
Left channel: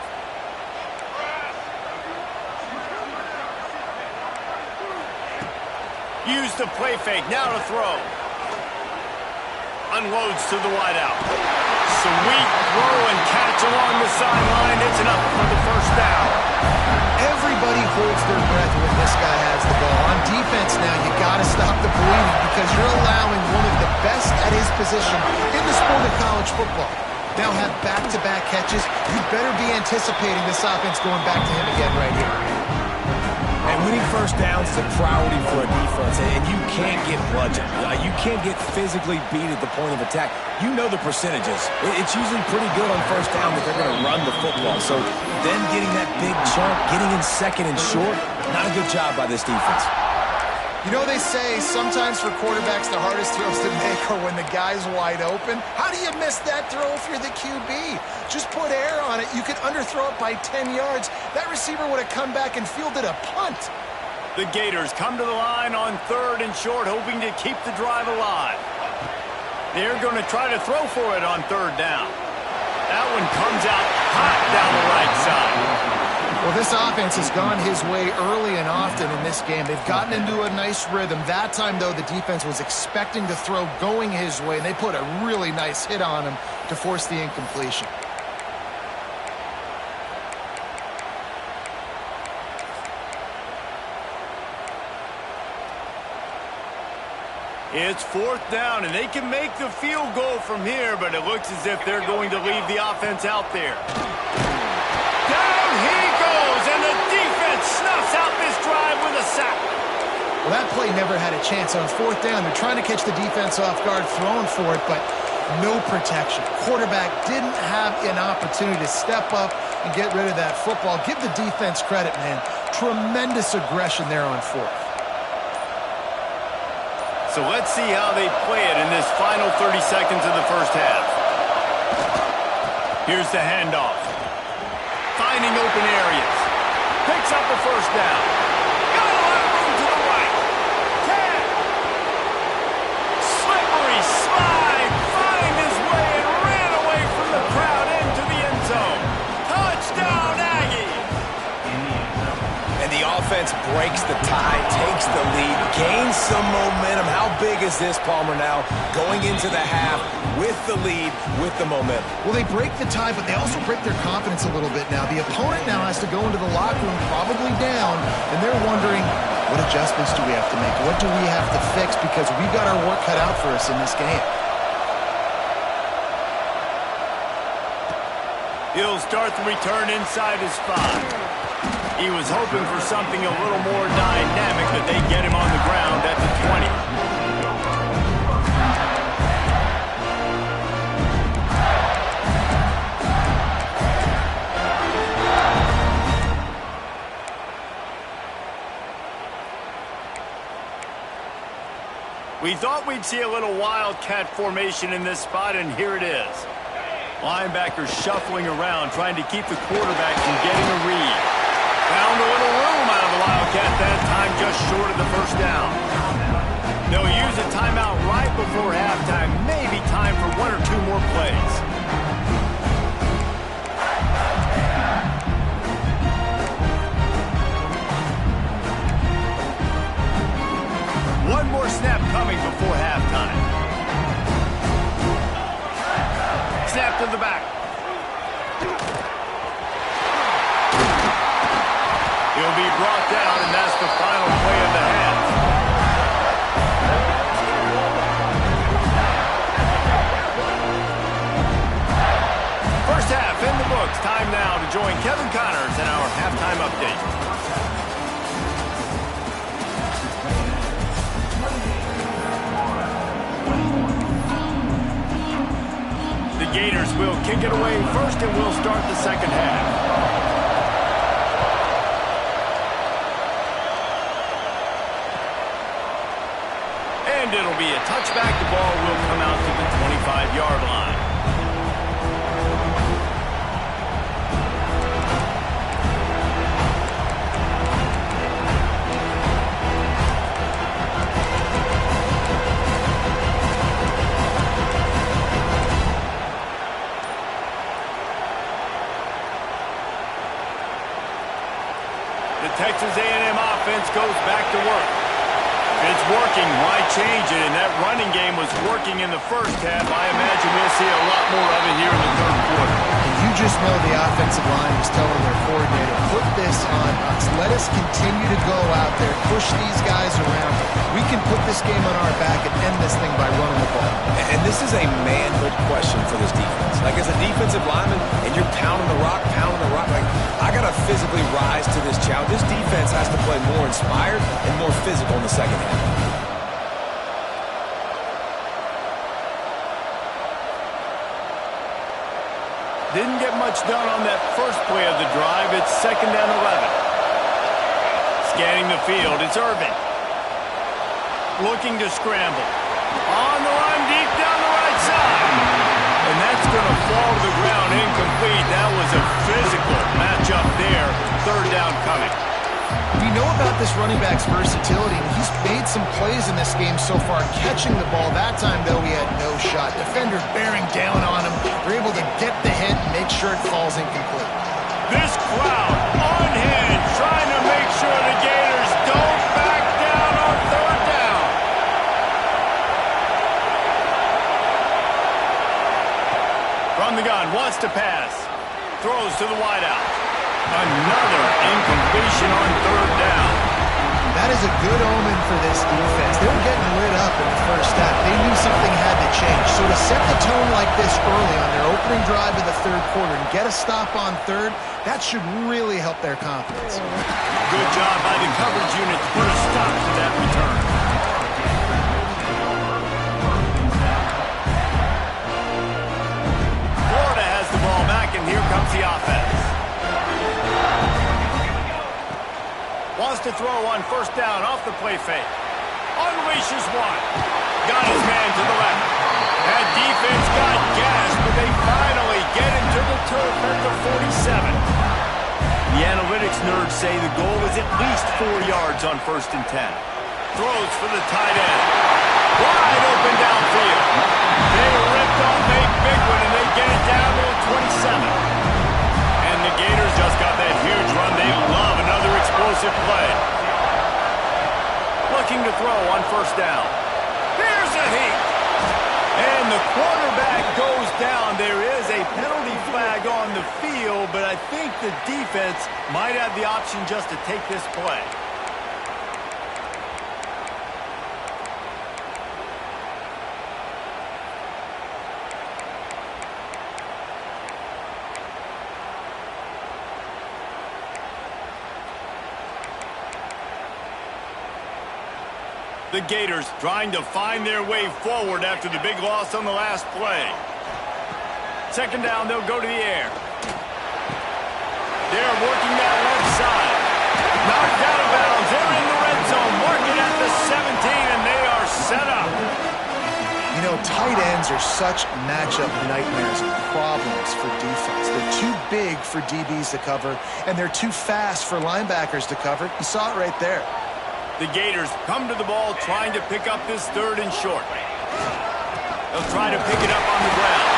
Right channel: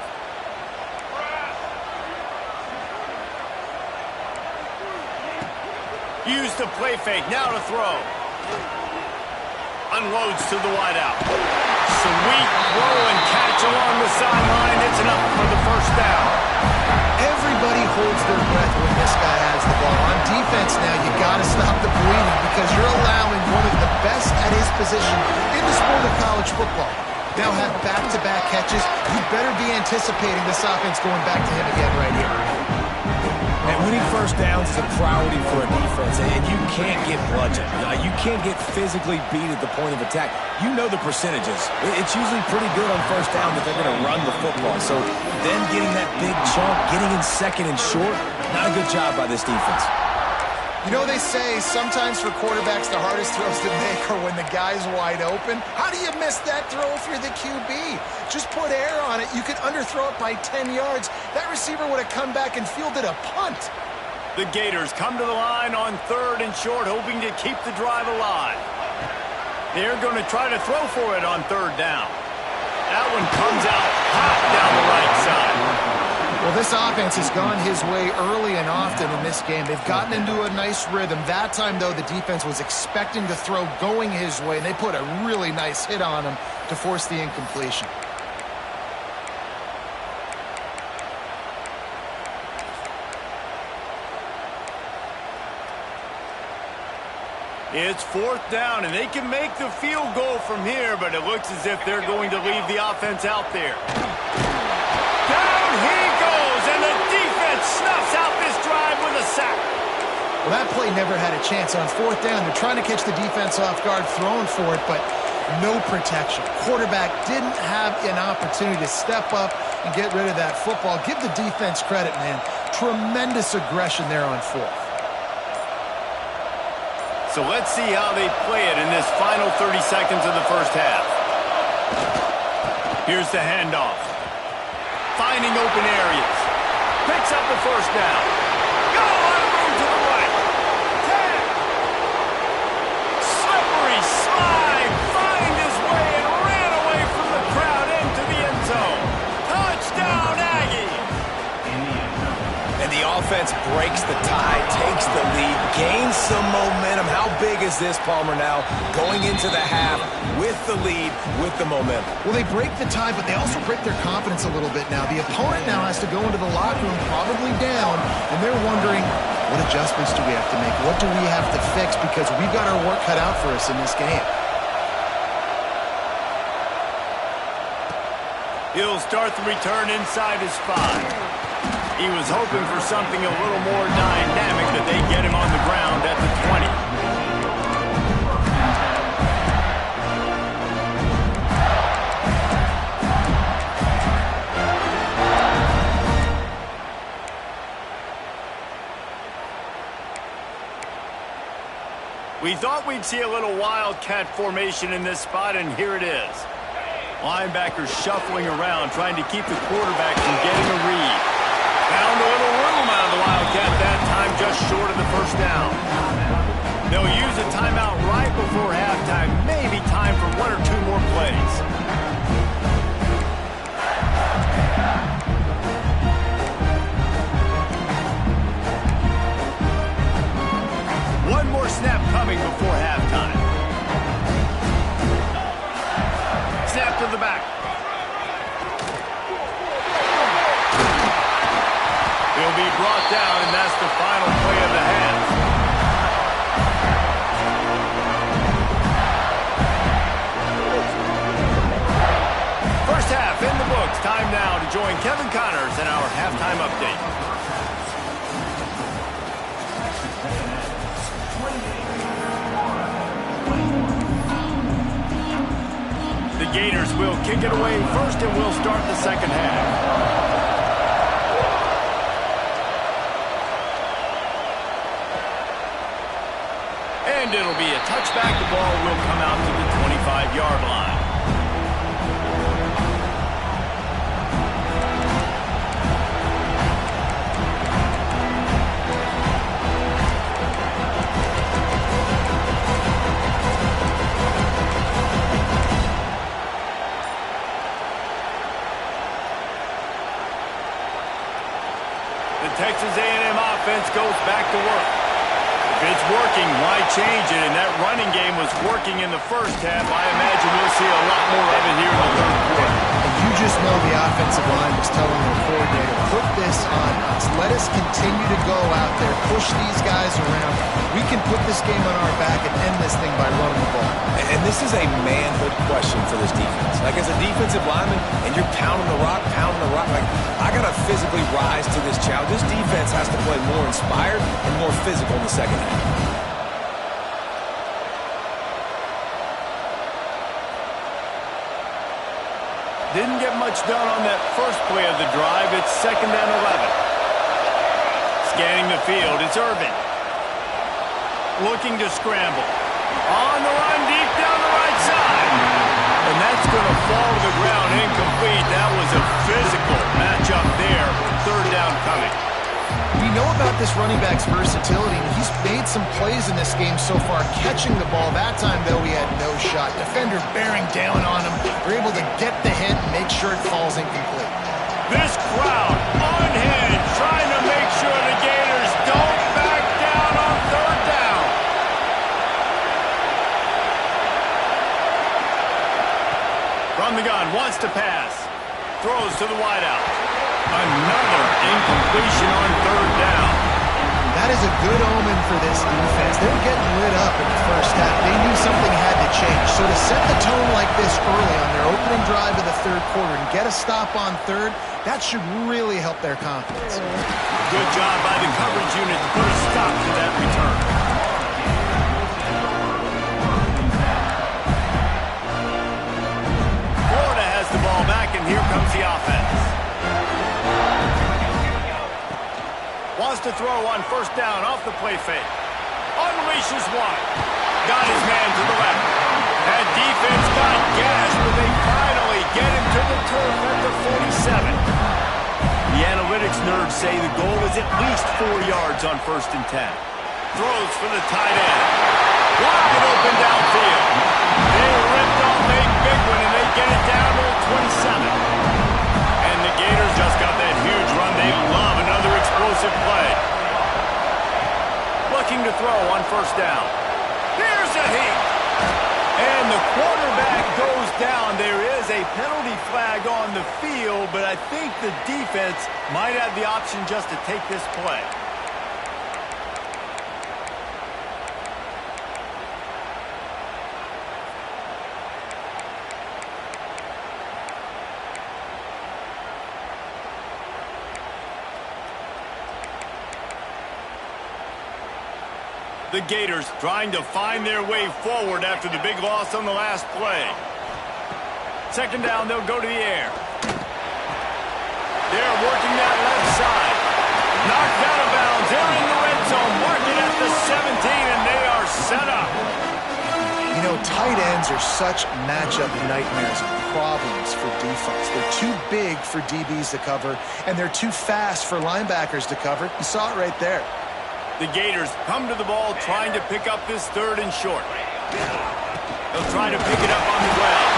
Use the play fake, now to throw. Unloads to the wideout. Sweet throw and catch along the sideline. It's enough for the 1st down. Everybody holds their breath when this guy has the ball. On defense now, you got to stop the bleeding because you're allowing one of the best at his position in the sport of college football. Now have back-to-back catches. You better be anticipating this offense going back to him again right here. And winning 1st downs is a priority for a defense, and you can't get bludgeoned. You can't get physically beat at the point of attack. You know the percentages. It's usually pretty good on 1st down that they're going to run the football. So then getting that big chunk, getting in 2nd and short, not a good job by this defense. You know, they say sometimes for quarterbacks the hardest throws to make are when the guy's wide open. How do you miss that throw if you're the QB? Just put air on it. You could underthrow it by 10 yards. That receiver would have come back and fielded a punt. The Gators come to the line on 3rd and short, hoping to keep the drive alive. They're going to try to throw for it on 3rd down. That one comes out hot down the right side. Well, this offense has gone his way early and often in this game. They've gotten into a nice rhythm. That time, though, the defense was expecting to throw going his way, and they put a really nice hit on him to force the incompletion. It's 4th down, and they can make the field goal from here, but it looks as if they're going to leave the offense out there. Down he goes, and the defense snuffs out this drive with a sack. Well, that play never had a chance. On 4th down, they're trying to catch the defense off guard, throwing for it, but no protection. Quarterback didn't have an opportunity to step up and get rid of that football. Give the defense credit, man. Tremendous aggression there on 4th. So let's see how they play it in this final 30 seconds of the 1st half. Here's the handoff. Finding open areas. Picks up the 1st down. Got a lot of room to the right. 10. Slippery slide. Find his way and ran away from the crowd into the end zone. Touchdown, Aggies. And the offense defense breaks the tie, takes the lead, gains some momentum. How big is this, Palmer, now going into the half with the lead, with the momentum? Well, they break the tie, but they also break their confidence a little bit now. The opponent now has to go into the locker room probably down, and they're wondering, what adjustments do we have to make? What do we have to fix? Because we've got our work cut out for us in this game. He'll start the return inside his 5. He was hoping for something a little more dynamic, that they get him on the ground at the 20. We thought we'd see a little wildcat formation in this spot, and here it is. Linebackers shuffling around, trying to keep the quarterback from getting a read. Found a little room out of the wildcat that time, just short of the first down. They'll use a timeout right before halftime, maybe time for 1 or 2 more plays. One more snap coming before halftime. Snap to the back. He'll be brought down, and that's the final play of the half. First half in the books. Time now to join Kevin Connors in our halftime update. The Gators will kick it away first, and we'll start the second half. And it'll be a touchback. The ball will come out to the 25-yard line. The Texas A&M offense goes back to work. If it's working, why change it? And that running game was working in the first half. I imagine we'll see a lot more of it here in the third quarter. And you just know the offensive line was telling their coordinator, put this on us. Let us continue to go out there, push these guys around. We can put this game on our back and end this thing by running the ball. And this is a manhood question for this defense. Like, as a defensive lineman, and you're pounding the rock, like, I got to physically rise to this challenge. This defense has to play more inspired and more physical in the second half. Didn't get much done on that first play of the drive. It's 2nd and 11. Scanning the field, it's Irvin. Looking to scramble. On the run, deep down the right side. And that's going to fall to the ground, incomplete. That was a physical matchup there. 3rd down coming. We know about this running back's versatility, and he's made some plays in this game so far, catching the ball. That time, though, he had no shot. Defender bearing down on him. They're able to get the hit and make sure it falls incomplete. This crowd unhinged, trying to make sure the Gators don't back down on 3rd down. From the gun, wants to pass. Throws to the wideout. Another incompletion on 3rd down. That is a good omen for this defense. They were getting lit up in the first half. They knew something had to change. So to set the tone like this early on their opening drive of the 3rd quarter and get a stop on 3rd, that should really help their confidence. Good job by the coverage unit to put a stop to that return. Florida has the ball back, and here comes the offense. Wants to throw on 1st down off the play fake. Unleashes one. Got his man to the left. That defense got gassed, but they finally get him to the turf at the 47. The analytics nerds say the goal is at least 4 yards on 1st and 10. Throws for the tight end. Wide open downfield. They ripped off a big one, and they get it down to the 27. And the Gators just got that huge run. They love another explosive play. Looking to throw on first down. Here's a heat. And the quarterback goes down. There is a penalty flag on the field, but I think the defense might have the option just to take this play. The Gators trying to find their way forward after the big loss on the last play. Second down, they'll go to the air. They're working that left side. Knocked out of bounds. They're in the red zone. Mark it at the 17, and they are set up. You know, tight ends are such matchup nightmares and problems for defense. They're too big for DBs to cover, and they're too fast for linebackers to cover. You saw it right there. The Gators come to the ball trying to pick up this third and short. They'll try to pick it up on the ground.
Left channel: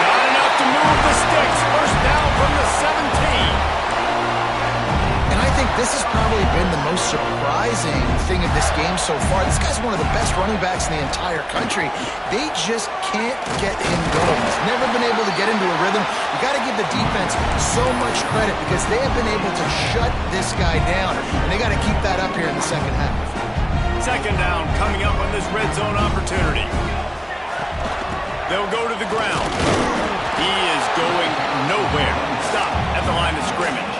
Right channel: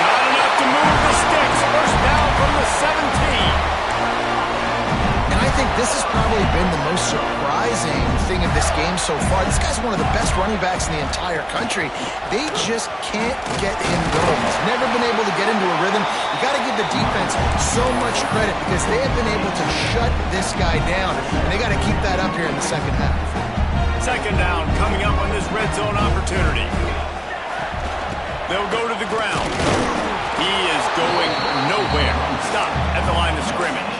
Not enough to move the sticks. First down from the 17. And I think this has probably been the most surprising thing of this game so far. This guy's one of the best running backs in the entire country. They just can't get him going. He's never been able to get into a rhythm. You got to give the defense so much credit because they have been able to shut this guy down. And they got to keep that up here in the second half. Second down coming up on this red zone opportunity. They'll go to the ground. He is going nowhere. Stop at the line of scrimmage.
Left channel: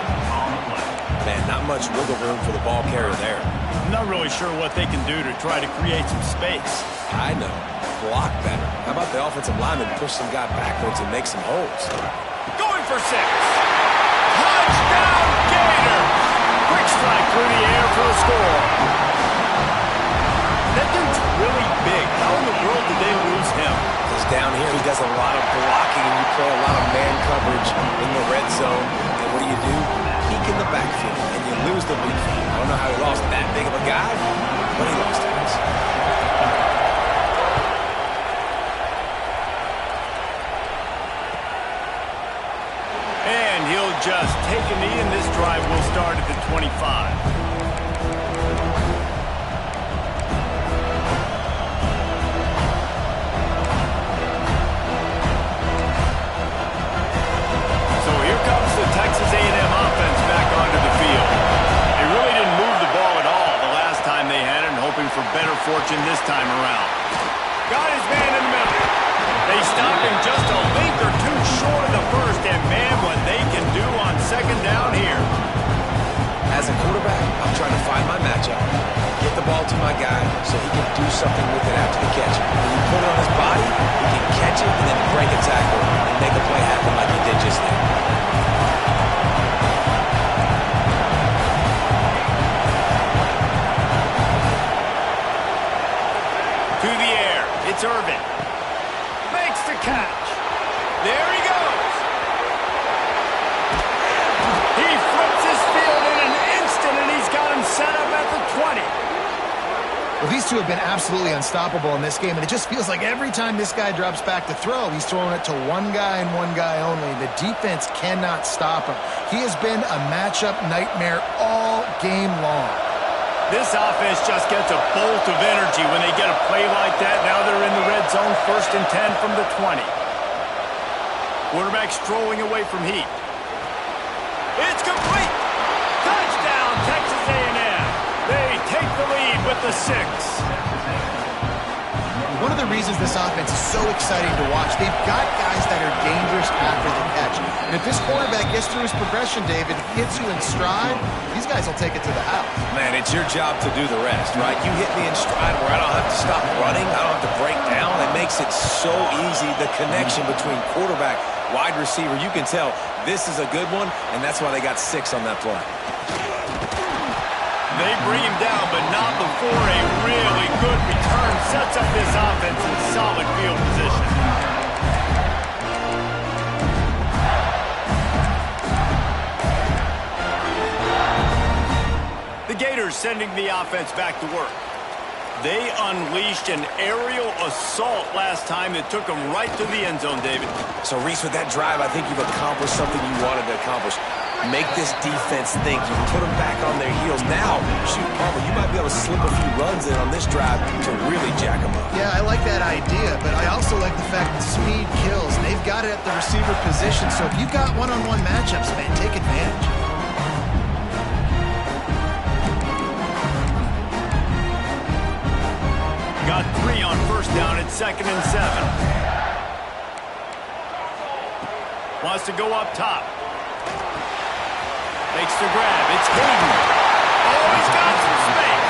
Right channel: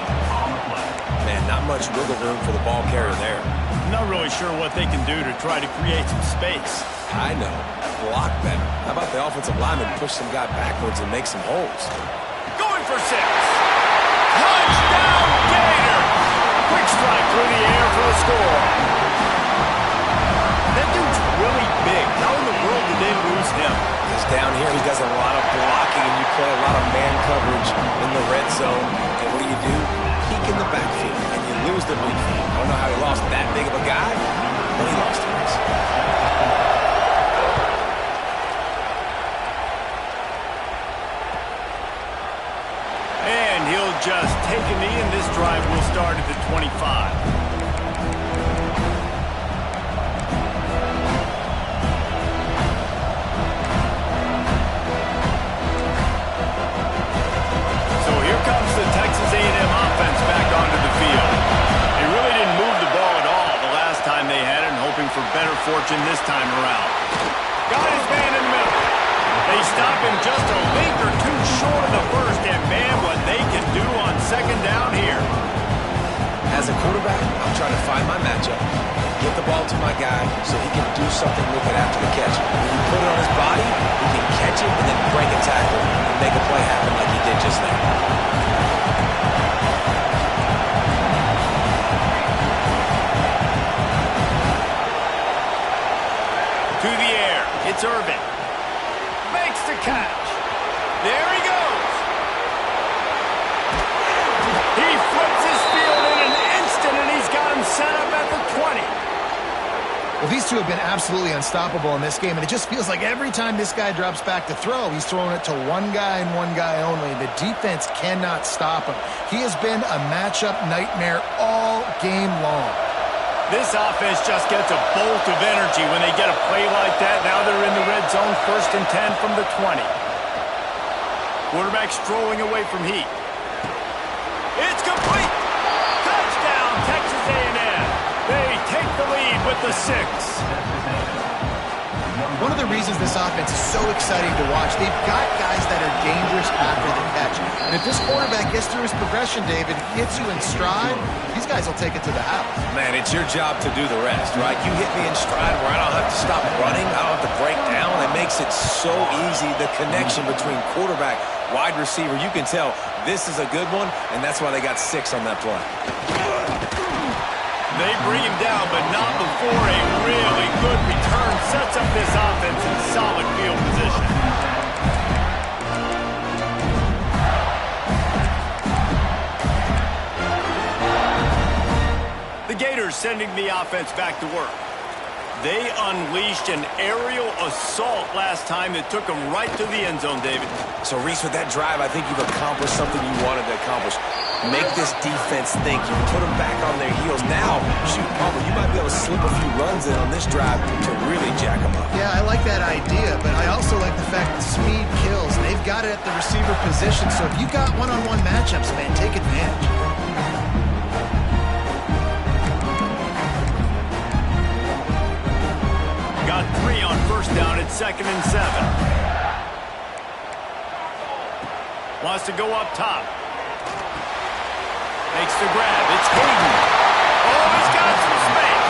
Man, not much wiggle room for the ball carrier there. I'm not really sure what they can do to try to create some space. I know. Block better. How about the offensive lineman push some guy backwards and make some holes? Going for 6. Touchdown, Gators! Quick strike through the air for the score. That dude's really big. How in the world did they lose him? Because down here he does a lot of blocking and you play a lot of man coverage in the red zone. And what do? Peek in the backfield and you lose the big field. I don't know how he lost that big of a guy, but he lost his. And he'll just take a knee, and this drive will start at the 25. So here comes the Texas A&M offense back onto the field. They really didn't move the ball at all the last time they had it, and hoping for better fortune this time around. Got his man in the middle. They stop him just a link or two short of the first, and man, what they can do on second down here. As a quarterback, I'm trying to find my matchup, get the ball to my guy so he can do something with it after the catch. When you put it on his body, he can catch it and then break a tackle and make a play happen like he did just there. To the air, it's Irvin. Makes the catch. There he goes. He flips his field in an instant, and he's got him set up at the 20. Well, these two have been absolutely unstoppable in this game, and it just feels like every time this guy drops back to throw, he's throwing it to one guy and one guy only. The defense cannot stop him. He has been a matchup nightmare all game long. This offense just gets a bolt of energy when they get a play like that. Now they're in the red zone, 1st and 10 from the 20. Quarterback strolling away from heat. It's complete. Touchdown, Texas A&M. They take the lead with the 6. One of the reasons this offense is so exciting to watch, they've got guys that are dangerous after the catch. And if this quarterback gets through his progression, David, hits you in stride, these guys will take it to the house. Man, it's your job to do the rest, right? You hit me in stride where I don't have to stop running. I don't have to break down. It makes it so easy. The connection between quarterback, wide receiver, you can tell this is a good one, and that's why they got 6 on that play. They bring him down, but not before a really good return sets up this offense in solid field position. The Gators sending the offense back to work. They unleashed an aerial assault last time that took them right to the end zone, David. So, Reese, with that drive, I think you've accomplished something you wanted to accomplish. Make this defense think. You put them back on their heels. Now, shoot, Palmer, you might be able to slip a few runs in on this drive to really jack them up. Yeah, I like that idea, but I also like the fact that speed kills. They've got it at the receiver position, so if you've got one-on-one matchups, man, take advantage. Got 3 on first down at 2nd and 7. Wants to go up top. Makes the grab. It's Hayden. Oh, he's got some space.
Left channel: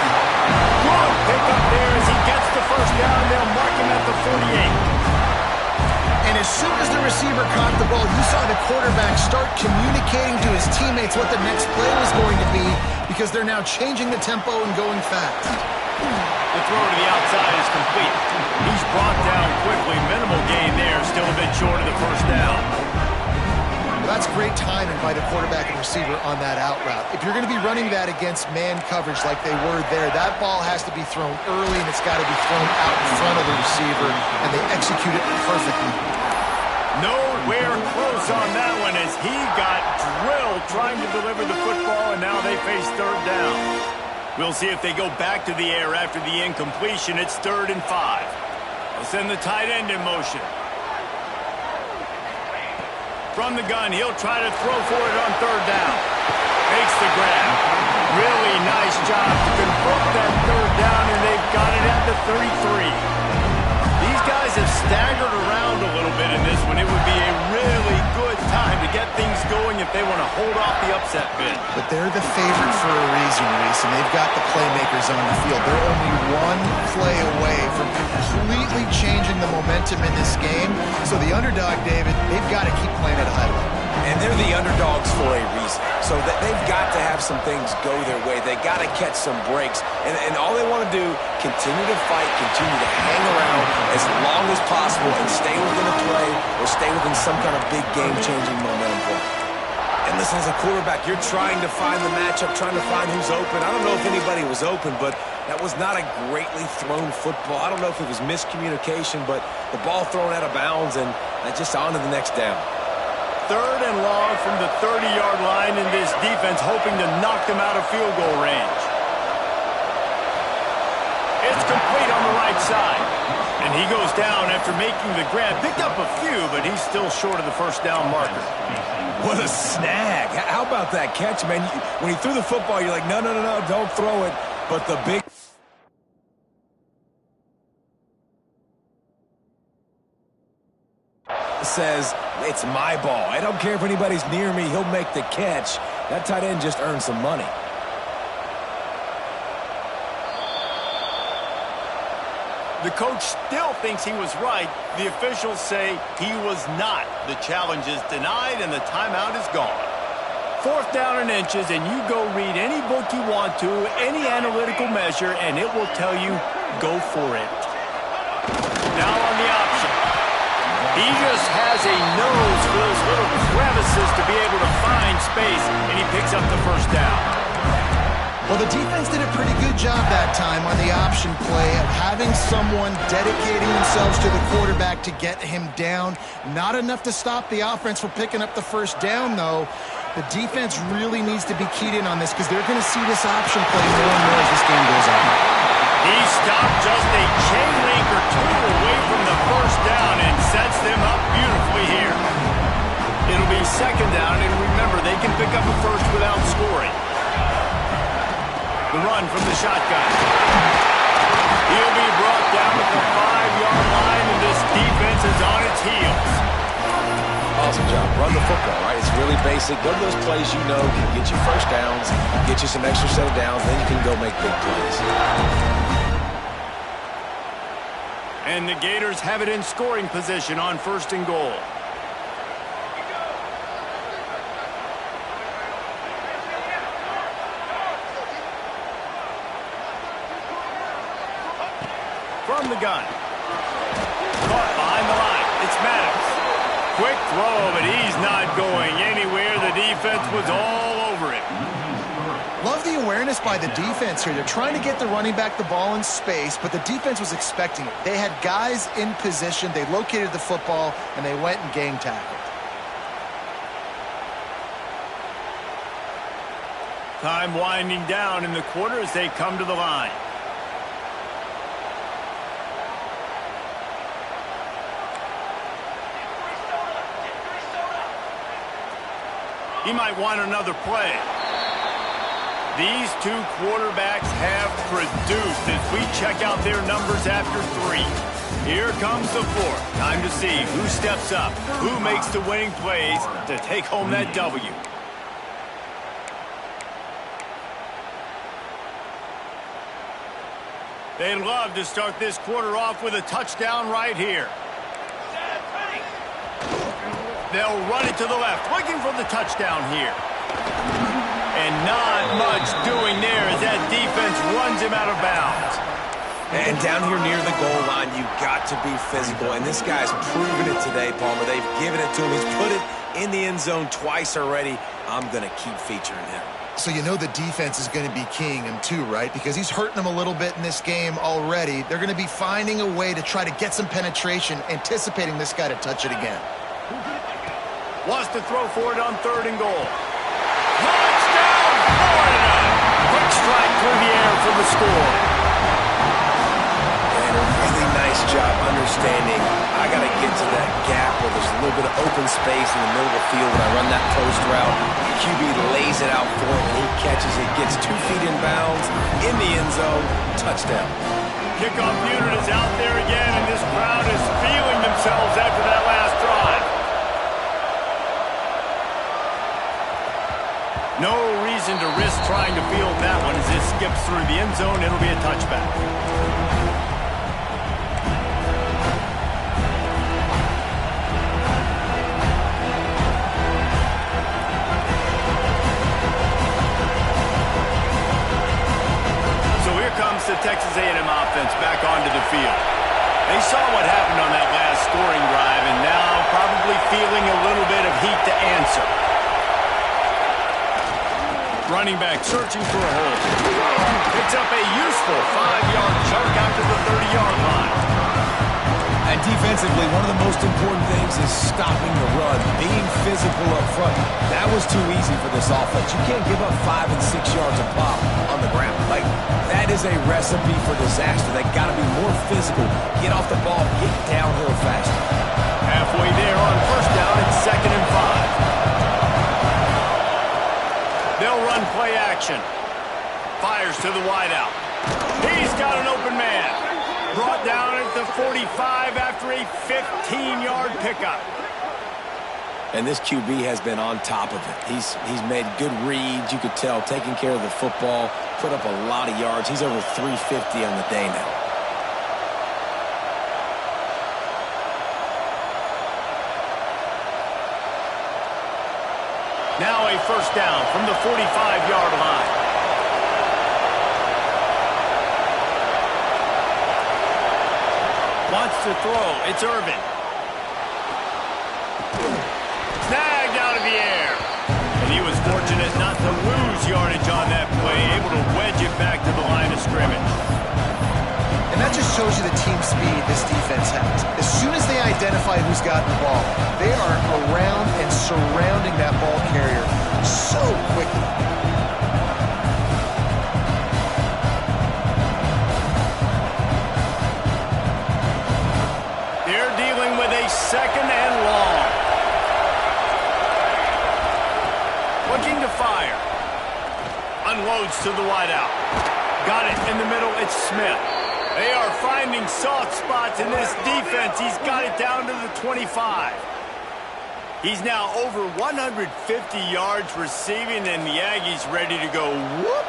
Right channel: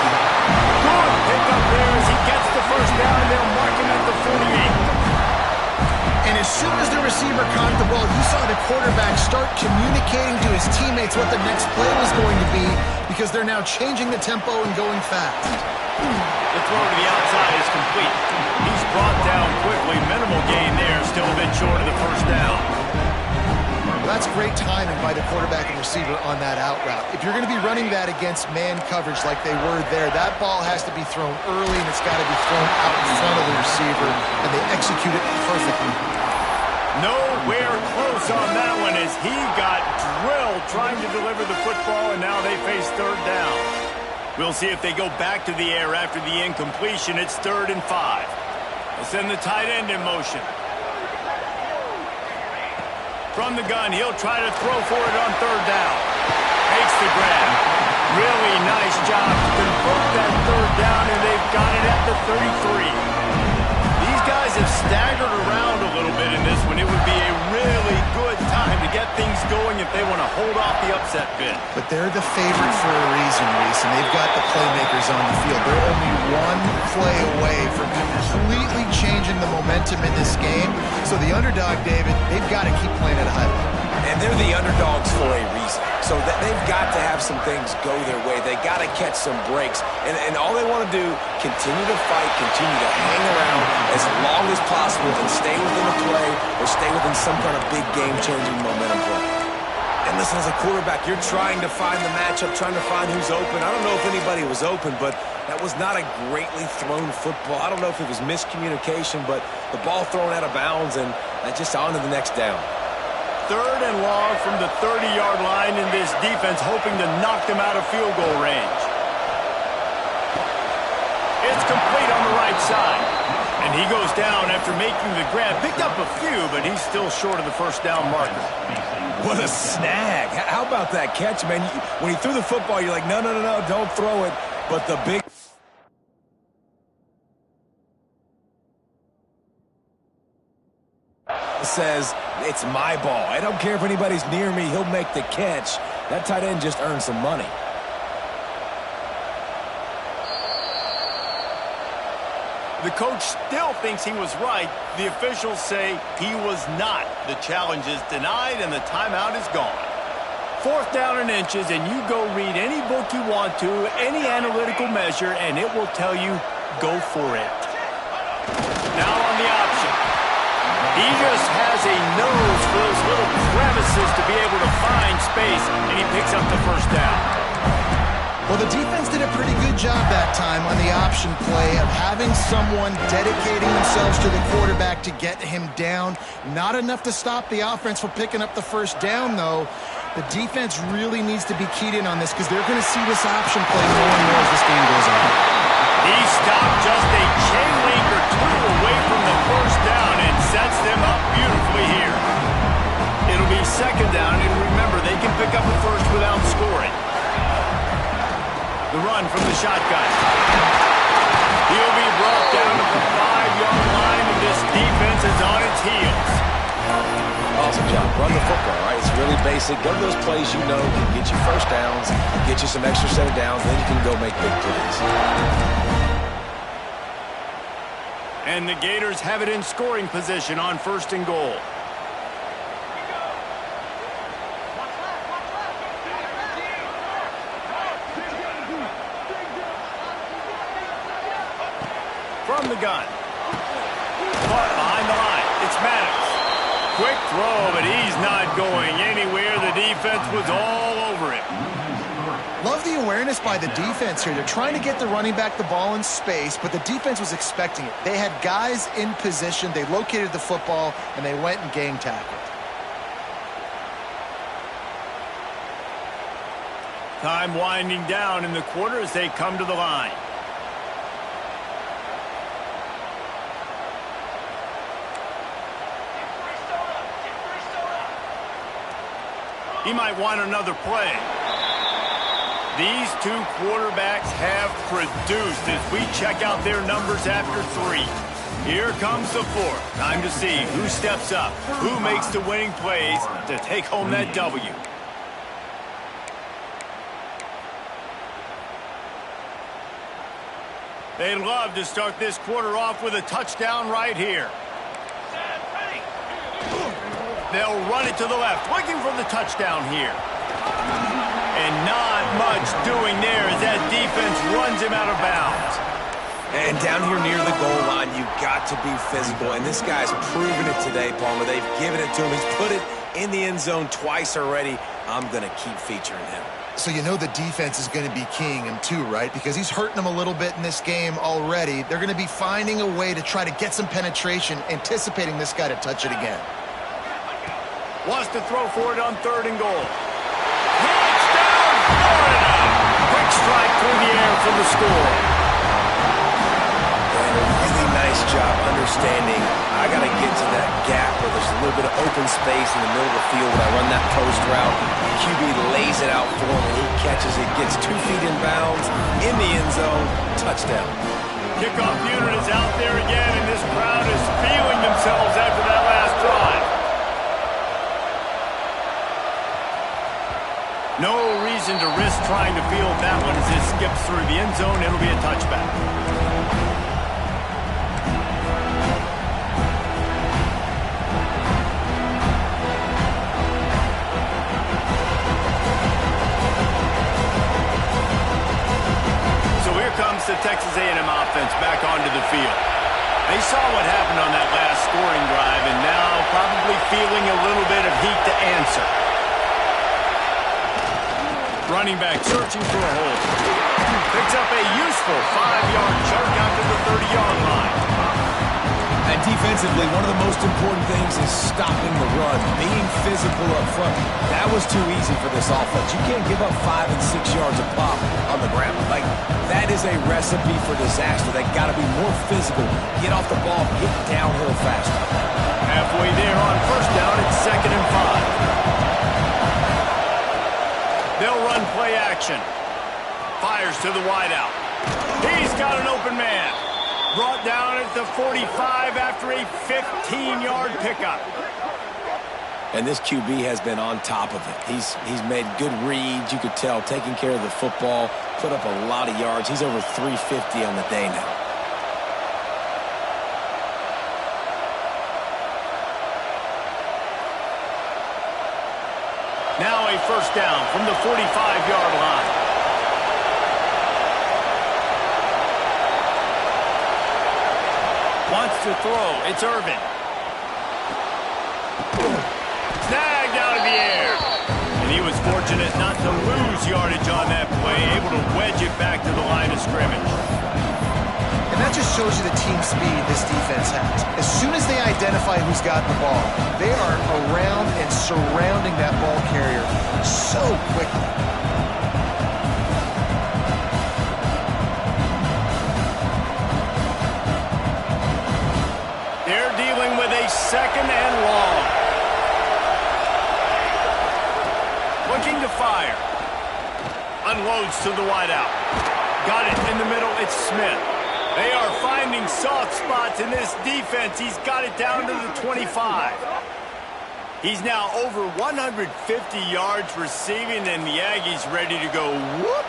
Good pickup there as he gets the first down. They'll mark him at the 48. And as soon as the receiver caught the ball, you saw the quarterback start communicating to his teammates what the next play was going to be because they're now changing the tempo and going fast. The throw to the outside is complete. He's brought down quickly. Minimal gain there. Still a bit short of the first down. Well, that's great timing by the quarterback and receiver on that out route. If you're going to be running that against man coverage like they were there, that ball has to be thrown early and it's got to be thrown out in front of the receiver, and they execute it perfectly. Nowhere close on that one as he got drilled trying to deliver the football, and now they face 3rd down. We'll see if they go back to the air after the incompletion. It's 3rd and 5. They'll send the tight end in motion. From the gun, he'll try to throw for it on 3rd down. Makes the grab. Really nice job to convert that 3rd down, and they've got it at the 33. These guys have staggered around a little bit in this one. It would be a really good time to get things going if they want to hold off the upset bid. But they're the favorite for a reason, Reese, and they've got the playmakers on the field. They're only one play away from completely changing the momentum in this game. So the underdog, David, they've got to keep playing at a high level. And they're the underdogs for a reason. So that they've got to have some things go their way. They got to catch some breaks. And all they want to do, continue to fight, continue to hang around as long as possible and stay within a play or stay within some kind of big game-changing momentum play. And listen, as a quarterback, you're trying to find the matchup, trying to find who's open. I don't know if anybody was open, but that was not a greatly thrown football. I don't know if it was miscommunication, but the ball thrown out of bounds and just on to the next down. 3rd and long from the 30-yard line, in this defense hoping to knock them out of field goal range. It's complete on the right side. And he goes down after making the grab. Picked up a few, but he's still short of the first down marker. What a snag. How about that catch, man? When he threw the football, you're like, no, don't throw it. But the big... says, it's my ball. I don't care if anybody's near me. He'll make the catch. That tight end just earned some money. The coach still thinks he was right. The officials say he was not. The challenge is denied, and the timeout is gone. 4th down and inches, and you go read any book you want to, any analytical measure, and it will tell you, go for it. Now on the option. He just has a nose for those little crevices to be able to find space, and he picks up the first down. Well, the defense did a pretty good job that time on the option play of having someone dedicating themselves to the quarterback to get him down. Not enough to stop the offense from picking up the first down, though. The defense really needs to be keyed in on this because they're going to see this option play more and more as this game goes on. He stopped just a chain link or two away from the first down and sets them up beautifully here. It'll be 2nd down, and remember, they can pick up a first without scoring. The run from the shotgun. He'll be brought down at the 5-yard line, and this defense is on its heels. Awesome job. Run the football, right? It's really basic. Go to those plays you know can get you first downs, get you some extra set of downs, then you can go make big plays. And the Gators have it in scoring position on 1st and goal. From the gun. Caught behind the line. It's Maddox. Quick throw, but he's not going anywhere. The defense was all over him. Love the awareness by the defense here. They're trying to get the running back the ball in space, but the defense was expecting it. They had guys in position. They located the football, and they went and gang tackled. Time winding down in the quarter as they come to the line. He might want another play. These two quarterbacks have produced as we check out their numbers after 3. Here comes the 4th. Time to see who steps up, who makes the winning plays to take home that W. They'd love to start this quarter off with a touchdown right here. They'll run it to the left, looking for the touchdown here. And not much doing there as that defense runs him out of bounds. And down here near the goal line, you've got to be physical. And this guy's proven it today, Palmer. They've given it to him. He's put it in the end zone twice already. I'm going to keep featuring him. So you know the defense is going to be keying him too, right? Because he's hurting them a little bit in this game already. They're going to be finding a way to try to get some penetration, anticipating this guy to touch it again. Wants to throw for it on 3rd and goal. Touchdown, Florida! Quick strike through the air for the score. And a really nice job understanding I got to get to that gap where there's a little bit of open space in the middle of the field when I run that post route. The QB lays it out for him, and he catches it, gets 2 feet in bounds, in the end zone, touchdown. Kickoff unit is out there again, and this crowd is feeling themselves after that last drive. No reason to risk trying to field that one as this skips through the end zone. It'll be a touchback. So here comes the Texas A&M offense back onto the field. They saw what happened on that last scoring drive and now probably feeling a little bit of heat to answer. Running back searching for a hole. Picks up a useful 5-yard chunk out to the 30-yard line. And defensively, one of the most important things is stopping the run, being physical up front. That was too easy for this offense. You can't give up 5 and 6 yards a pop on the ground. Like, that is a recipe for disaster. They got to be more physical, get off the ball, get downhill faster. Halfway there on 1st down, it's 2nd and 5. They'll run play action. Fires to the wideout. He's got an open man. Brought down at the 45 after a 15-yard pickup. And this QB has been on top of it. He's made good reads, you could tell, taking care of the football, put up a lot of yards. He's over 350 on the day now. Now a 1st down from the 45-yard line. Wants to throw. It's Irvin. Snagged out of the air. And he was fortunate not to lose yardage on that play, able to wedge it back to the line of scrimmage. And that just shows you the team speed this defense has. As soon as they identify who's got the ball, they are around and surrounding that ball carrier so quickly. They're dealing with a 2nd and long. Looking to fire. Unloads to the wideout. Got it in the middle. It's Smith. They are finding soft spots in this defense. He's got it down to the 25. He's now over 150 yards receiving, and the Aggies ready to go whoop.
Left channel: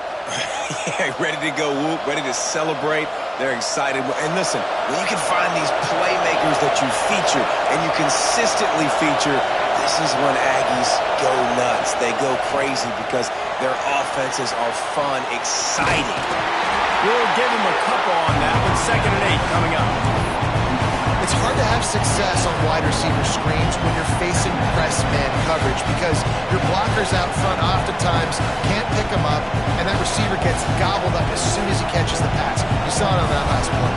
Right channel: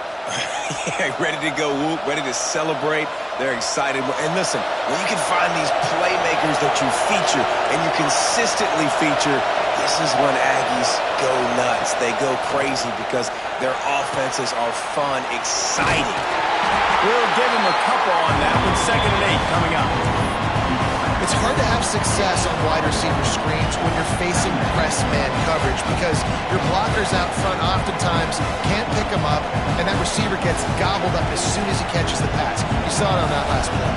Yeah, ready to go whoop, ready to celebrate. They're excited. And listen, when you can find these playmakers that you feature and you consistently feature, this is when Aggies go nuts. They go crazy because their offenses are fun, exciting. We'll give him a couple on that with 2nd and 8 coming up. It's hard to have success on wide receiver screens when you're facing press man coverage because your blockers out front oftentimes can't pick them up, and that receiver gets gobbled up as soon as he catches the pass. You saw it on that last play.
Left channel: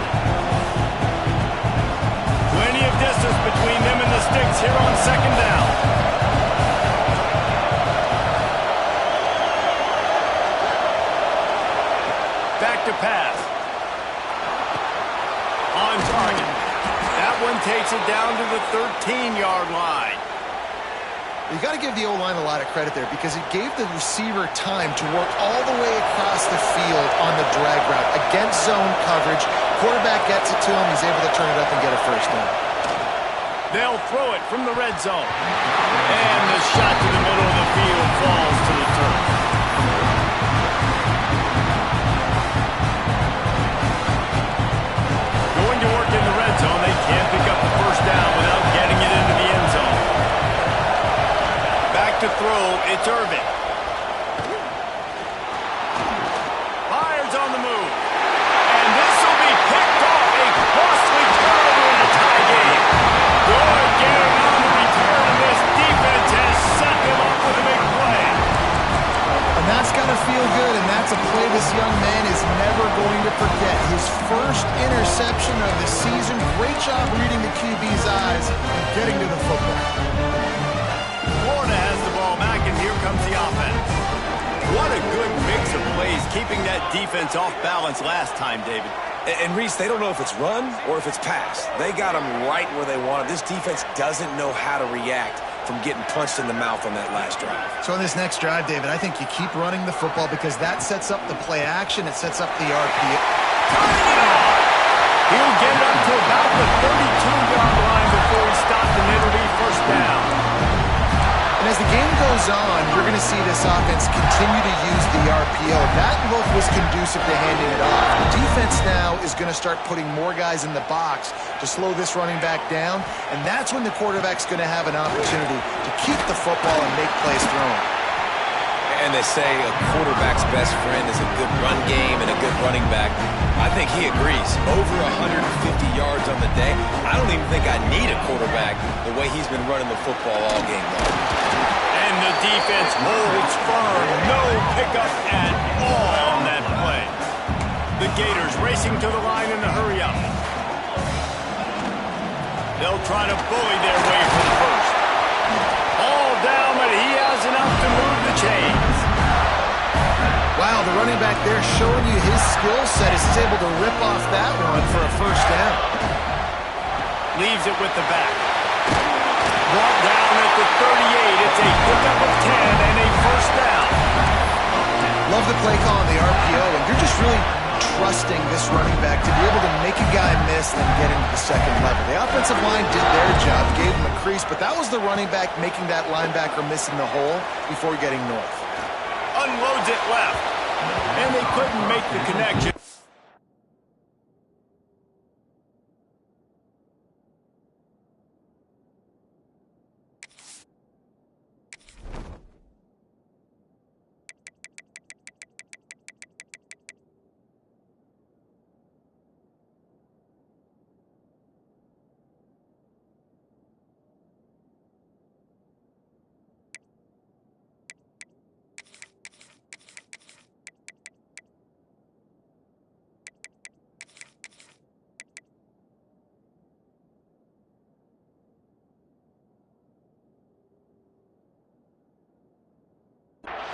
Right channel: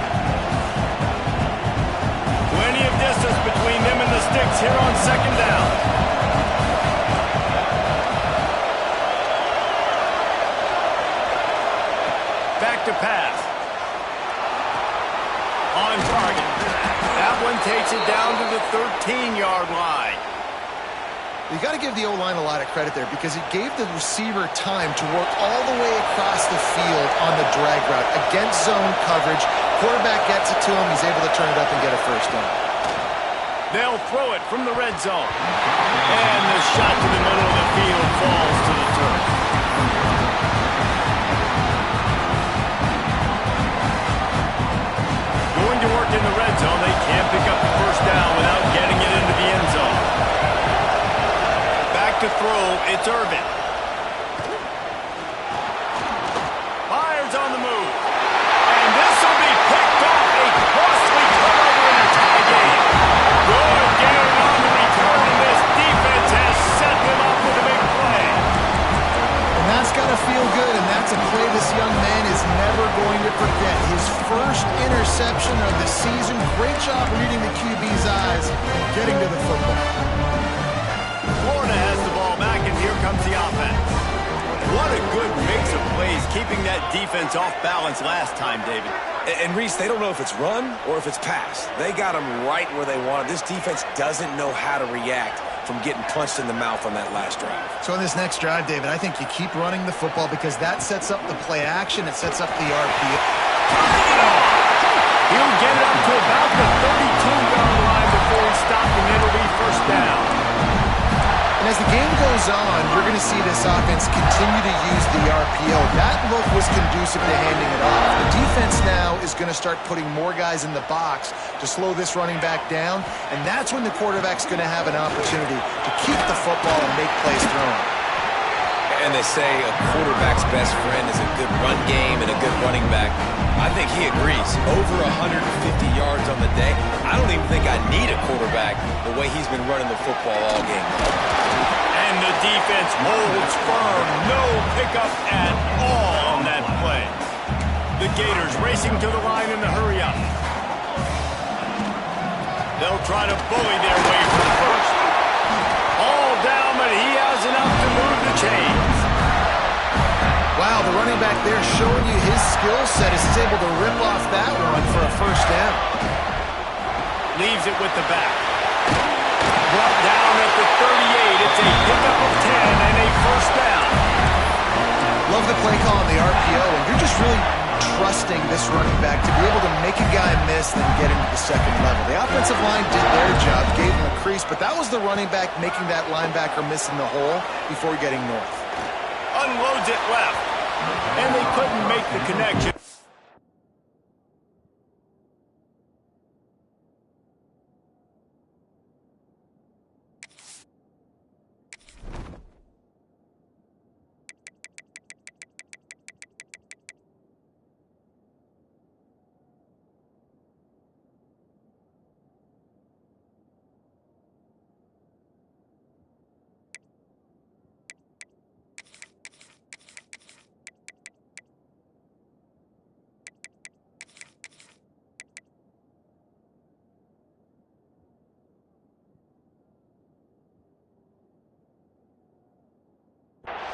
Plenty of distance between them and the sticks here on second down. Back to pass. On target. That one takes it down to the 13-yard line. You got to give the O-line a lot of credit there because it gave the receiver time to work all the way across the field on the drag route against zone coverage. Quarterback gets it to him. He's able to turn it up and get a first down. They'll throw it from the red zone. And the shot to the middle of the field falls to the turf. Going to work in the red zone. They can't pick up the first down without getting it into the end zone. Back to throw. It's Irvin. Fires on the move. And this will be picked off. A costly turnover in a tie game. Good gain on the return, and this defense has set them up with a big play. And that's got to feel good, and that's a play this young man is never going to forget. His first interception of the season. Great job reading the QB's eyes and getting to the football. Florida has the ball back, and here comes the offense. What a good mix of plays, keeping that defense off balance last time, David. And Reese, they don't know if it's run or if it's pass. They got them right where they want it. This defense doesn't know how to react from getting punched in the mouth on that last drive. So in this next drive, David, I think you keep running the football because that sets up the play action. It sets up the RPO. Turning it on! He'll get it up to about the 32-yard line before he stopped, and it'll be first down. And as the game goes on, you're going to see this offense continue to use the RPO. That look was conducive to handing it off. The defense now is going to start putting more guys in the box to slow this running back down, and that's when the quarterback's going to have an opportunity to keep the football and make plays throwing. And they say a quarterback's best friend is a good run game and a good running back. I think he agrees. Over 150 yards on the day. I don't even think I need a quarterback the way he's been running the football all game long. And the defense holds firm. No pickup at all on that play. The Gators racing to the line in a hurry up. They'll try to bully their way for the first. All down, but he has enough to move the chains. Wow, the running back there showing you his skill set as he's able to rip off that one for a first down. Leaves it with the back. Brought down at the 38. It's a pickup of 10 and a first down. Love the play call on the RPO, and you're just really trusting this running back to be able to make a guy miss and then get into the second level. The offensive line did their job, gave him a crease, but that was the running back making that linebacker miss in the hole before getting north. Unloads it left, and they couldn't make the connection.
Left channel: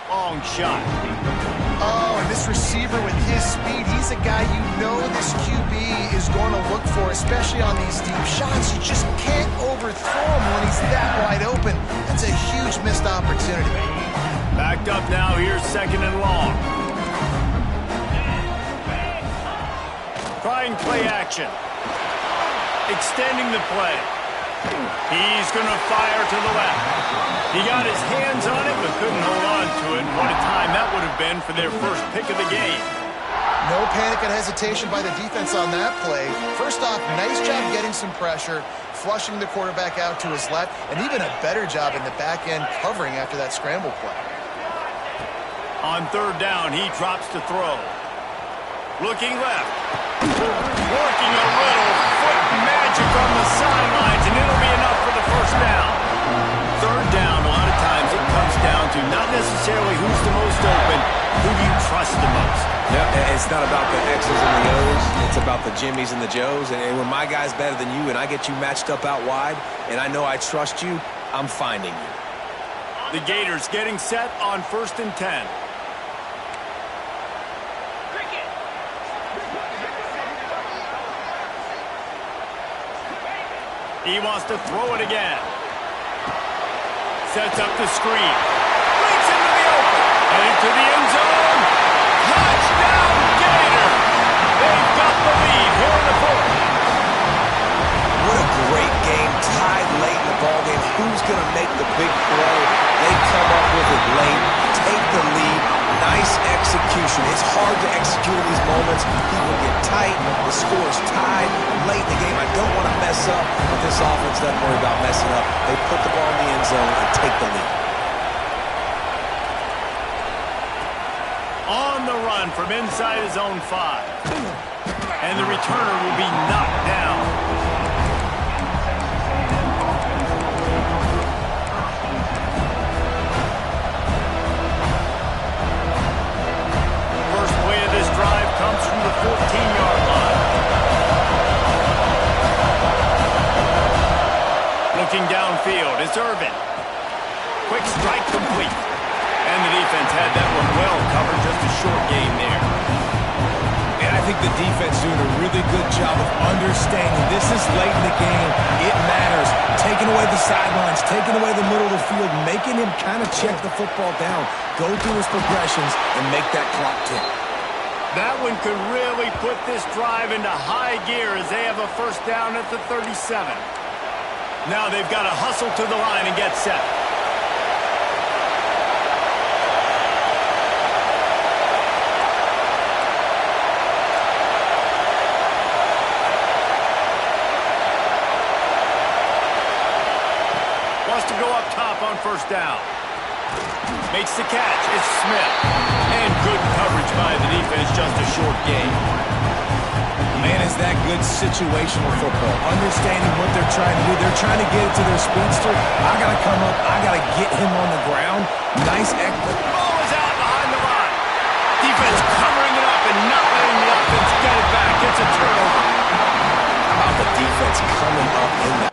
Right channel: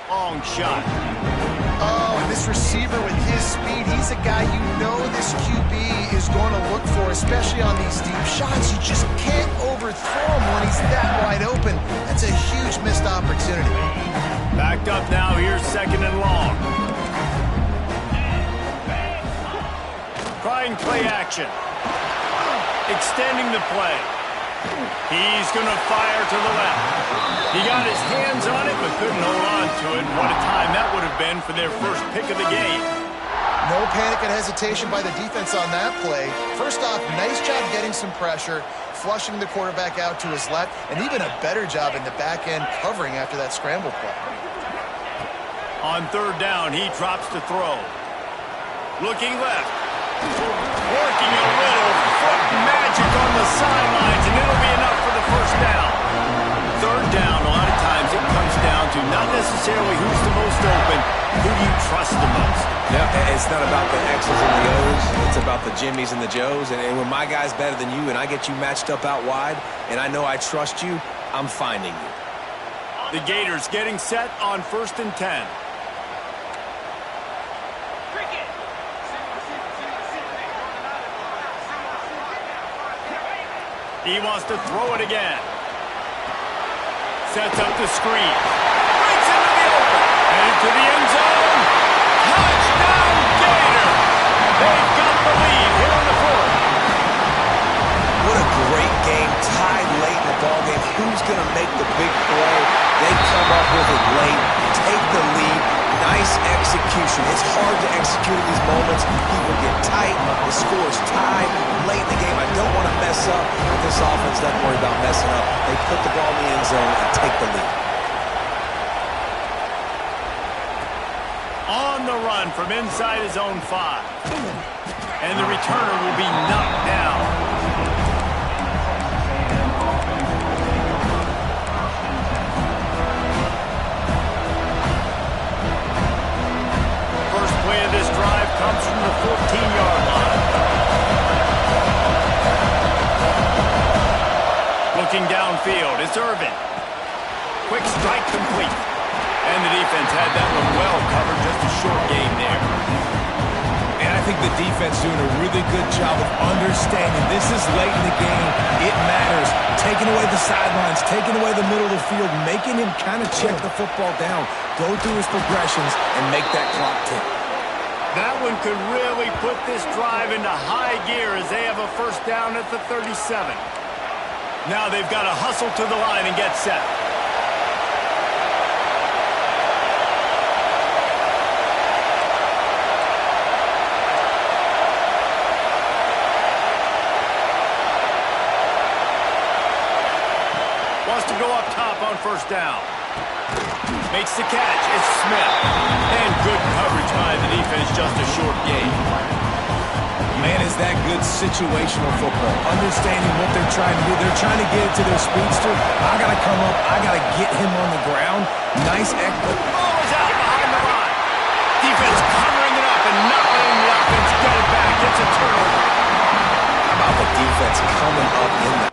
Long shot. Oh, and this receiver with his speed, he's a guy you know this QB is going to look for, especially on these deep shots. You just can't overthrow him when he's that wide open. That's a huge missed opportunity. Backed up now, here's second and long. Trying play action. Extending the play. He's going to fire to the left. He got his hands on it, but couldn't hold on to it. What a time that would have been for their first pick of the game. No panic and hesitation by the defense on that play. First off, nice job getting some pressure, flushing the quarterback out to his left, and even a better job in the back end covering after that scramble play. On third down, he drops to throw. Looking left. Working a little foot magic on the sidelines, and it'll be enough for the first down. Third down, a lot of times it comes down to not necessarily who's the most open, who do you trust the most? Yeah, it's not about the X's and the O's. It's about the Jimmys and the Joes. And when my guy's better than you and I get you matched up out wide, and I know I trust you, I'm finding you. The Gators getting set on 1st and 10. He wants to throw it again. Sets up the screen. Breaks into the open. Headed to the end zone. Touchdown, Gator! They've got the lead here in the fourth. What a great game, tied late in the ballgame. Who's going to make the big play? They come up with it late, take the lead. Nice execution. It's hard to execute in these moments. People get tight. The score's tied late in the game. I don't want to mess up, but this offense doesn't worry about messing up. They put the ball in the end zone and take the lead. On the run from inside his own 5. And the returner will be knocked down. First play of this drive comes from the 14-yard line. Looking downfield, it's Irvin. Quick strike complete. And the defense had that one well covered, just a short game there. And I think the defense doing a really good job of understanding this is late in the game. It matters. Taking away the sidelines, taking away the middle of the field, making him kind of check the football down, go through his progressions, and make that clock tick. That one could really put this drive into high gear as they have a first down at the 37. Now they've got to hustle to the line and get set. Wants to go up top on first down. Makes the catch. It's Smith. And good coverage by the defense, just a short game. Man, is that good situational football. Understanding what they're trying to do. They're trying to get it to their speedster. I got to come up. I got to get him on the ground. Nice effort. Ball is out behind the line. Defense covering it up and not letting the offense get it back. It's a turnover. How about the defense coming up in the...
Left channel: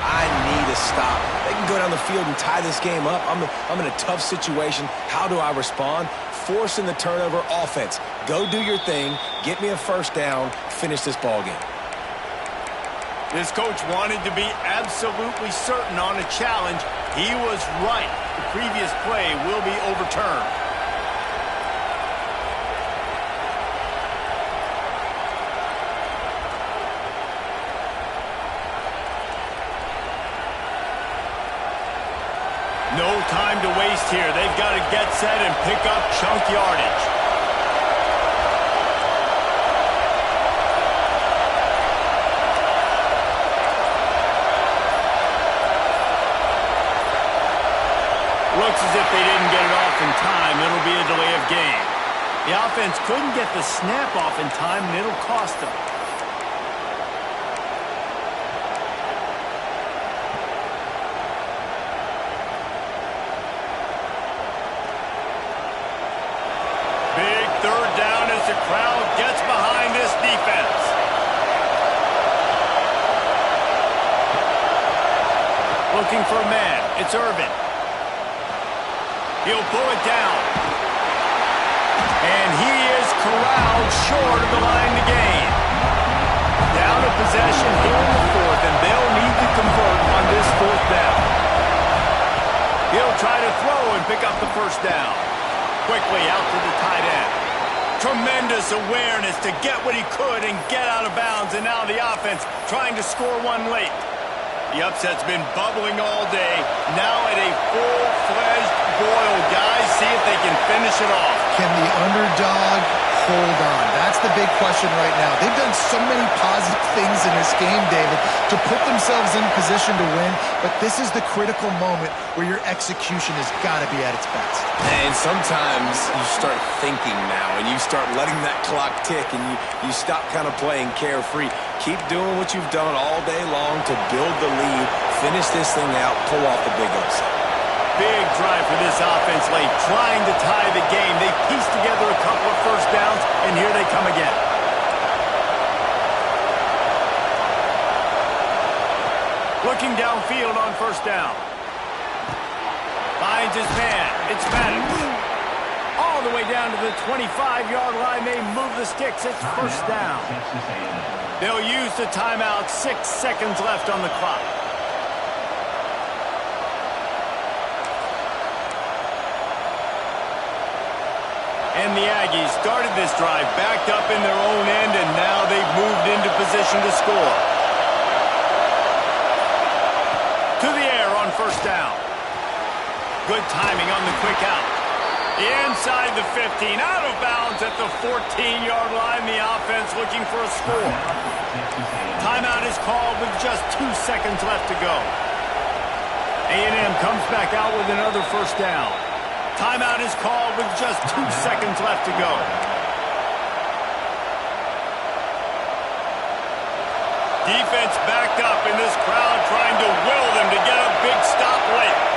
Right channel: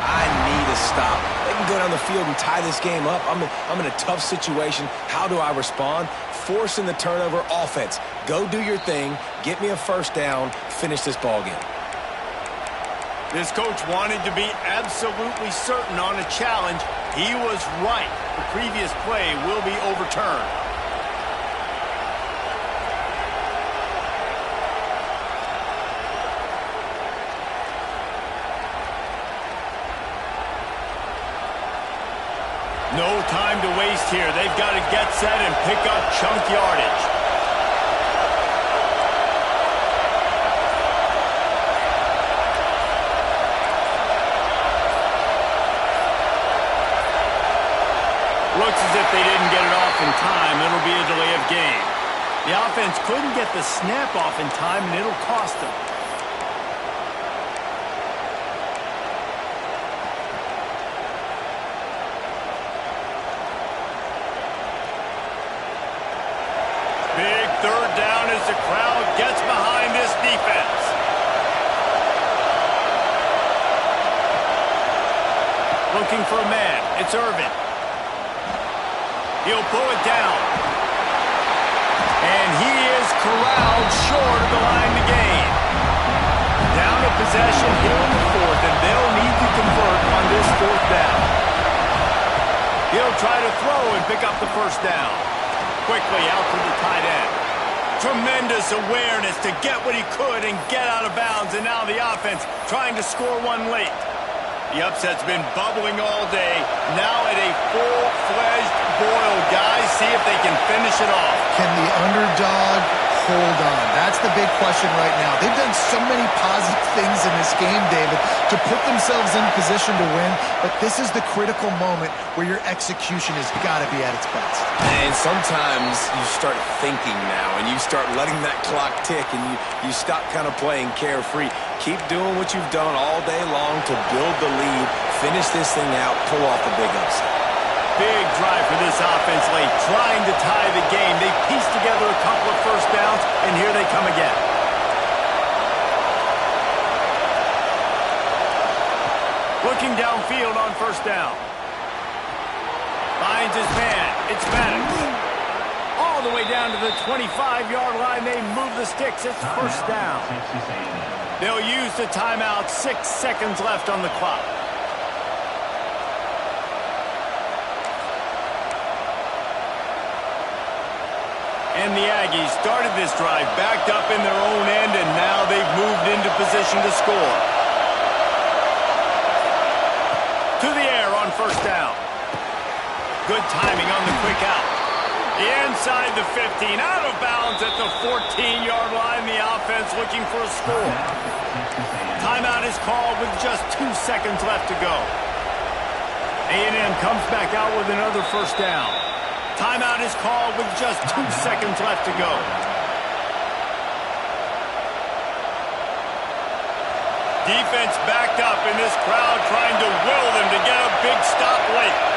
I need a stop. They can go down the field and tie this game up. I'm in a tough situation. How do I respond? Forcing the turnover. Offense. Go do your thing. Get me a first down. Finish this ball game. This coach wanted to be absolutely certain on a challenge. He was right. The previous play will be overturned. No time to waste here. They've got to get set and pick up chunk yardage. Looks as if they didn't get it off in time. It'll be a delay of game. The offense couldn't get the snap off in time, and it'll cost them. Big third down as the crowd gets behind this defense. Looking for a man. It's Irvin. He'll pull it down. And he is corralled short of the line to gain. Down a possession here in the fourth, and they'll need to convert on this fourth down. He'll try to throw and pick up the first down. Quickly out to the tight end. Tremendous awareness to get what he could and get out of bounds, and now the offense trying to score one late. The upset's been bubbling all day. Now at a full-fledged boil, guys. See if they can finish it off. Can the underdog hold on? That's the big question right now. They've done so many positive things in this game, David, to put themselves in position to win, but this is the critical moment where your execution has got to be at its best. And sometimes you start thinking now, and you start letting that clock tick, and you stop kind of playing carefree. Keep doing what you've done all day long to build the lead, finish this thing out, pull off the big upset. Big drive for this offense late, trying to tie the game. They pieced together a couple of first downs, and here they come again. Looking downfield on first down. Finds his man. It's Maddox. All the way down to the 25-yard line. They move the sticks. It's first down. They'll use the timeout. 6 seconds left on the clock. And the Aggies started this drive backed up in their own end, and now they've moved into position to score. To the air on first down. Good timing on the quick out. Inside the 15, out of bounds at the 14-yard line. The offense looking for a score. Timeout is called with just 2 seconds left to go. A&M comes back out with another first down. Timeout is called with just 2 seconds left to go. Defense backed up in this crowd trying to will them to get a big stop late.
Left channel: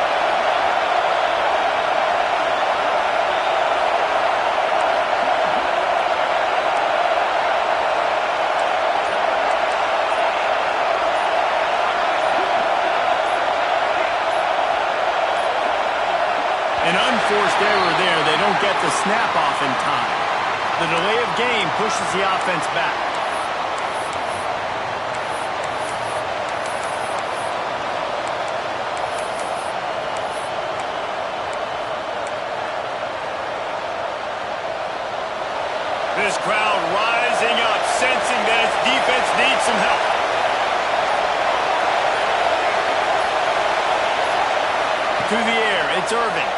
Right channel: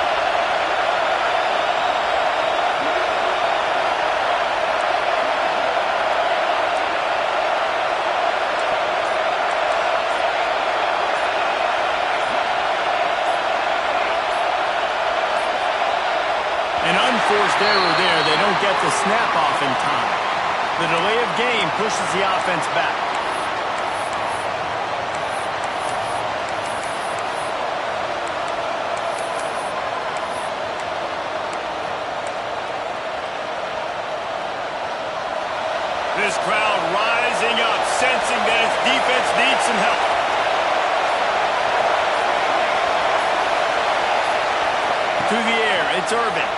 An unforced error there. They don't get the snap off in time. The delay of game pushes the offense back. This crowd rising up, sensing that its defense needs some help. To the air, it's Irvin.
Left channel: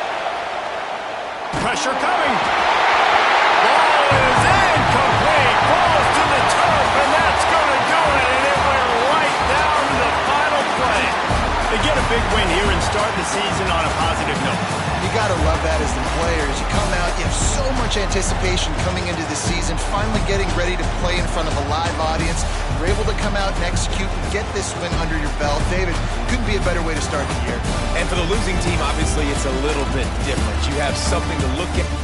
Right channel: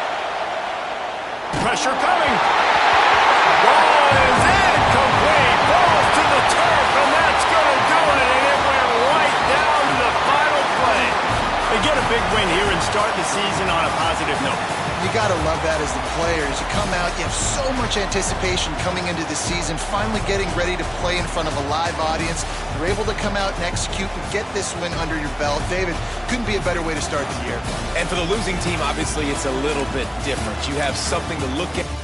Pressure coming. Ball is incomplete. Falls to the turf, and that's going to do it. And it went right down to the final play. They get a big win here and start the season on a positive note. You got to love that as the players. You come out, you have so much anticipation coming into the season, finally getting ready to play in front of a live audience. You're able to come out and execute and get this win under your belt. David, couldn't be a better way to start the year. And for the losing team, obviously, it's a little bit different. You have something to look at.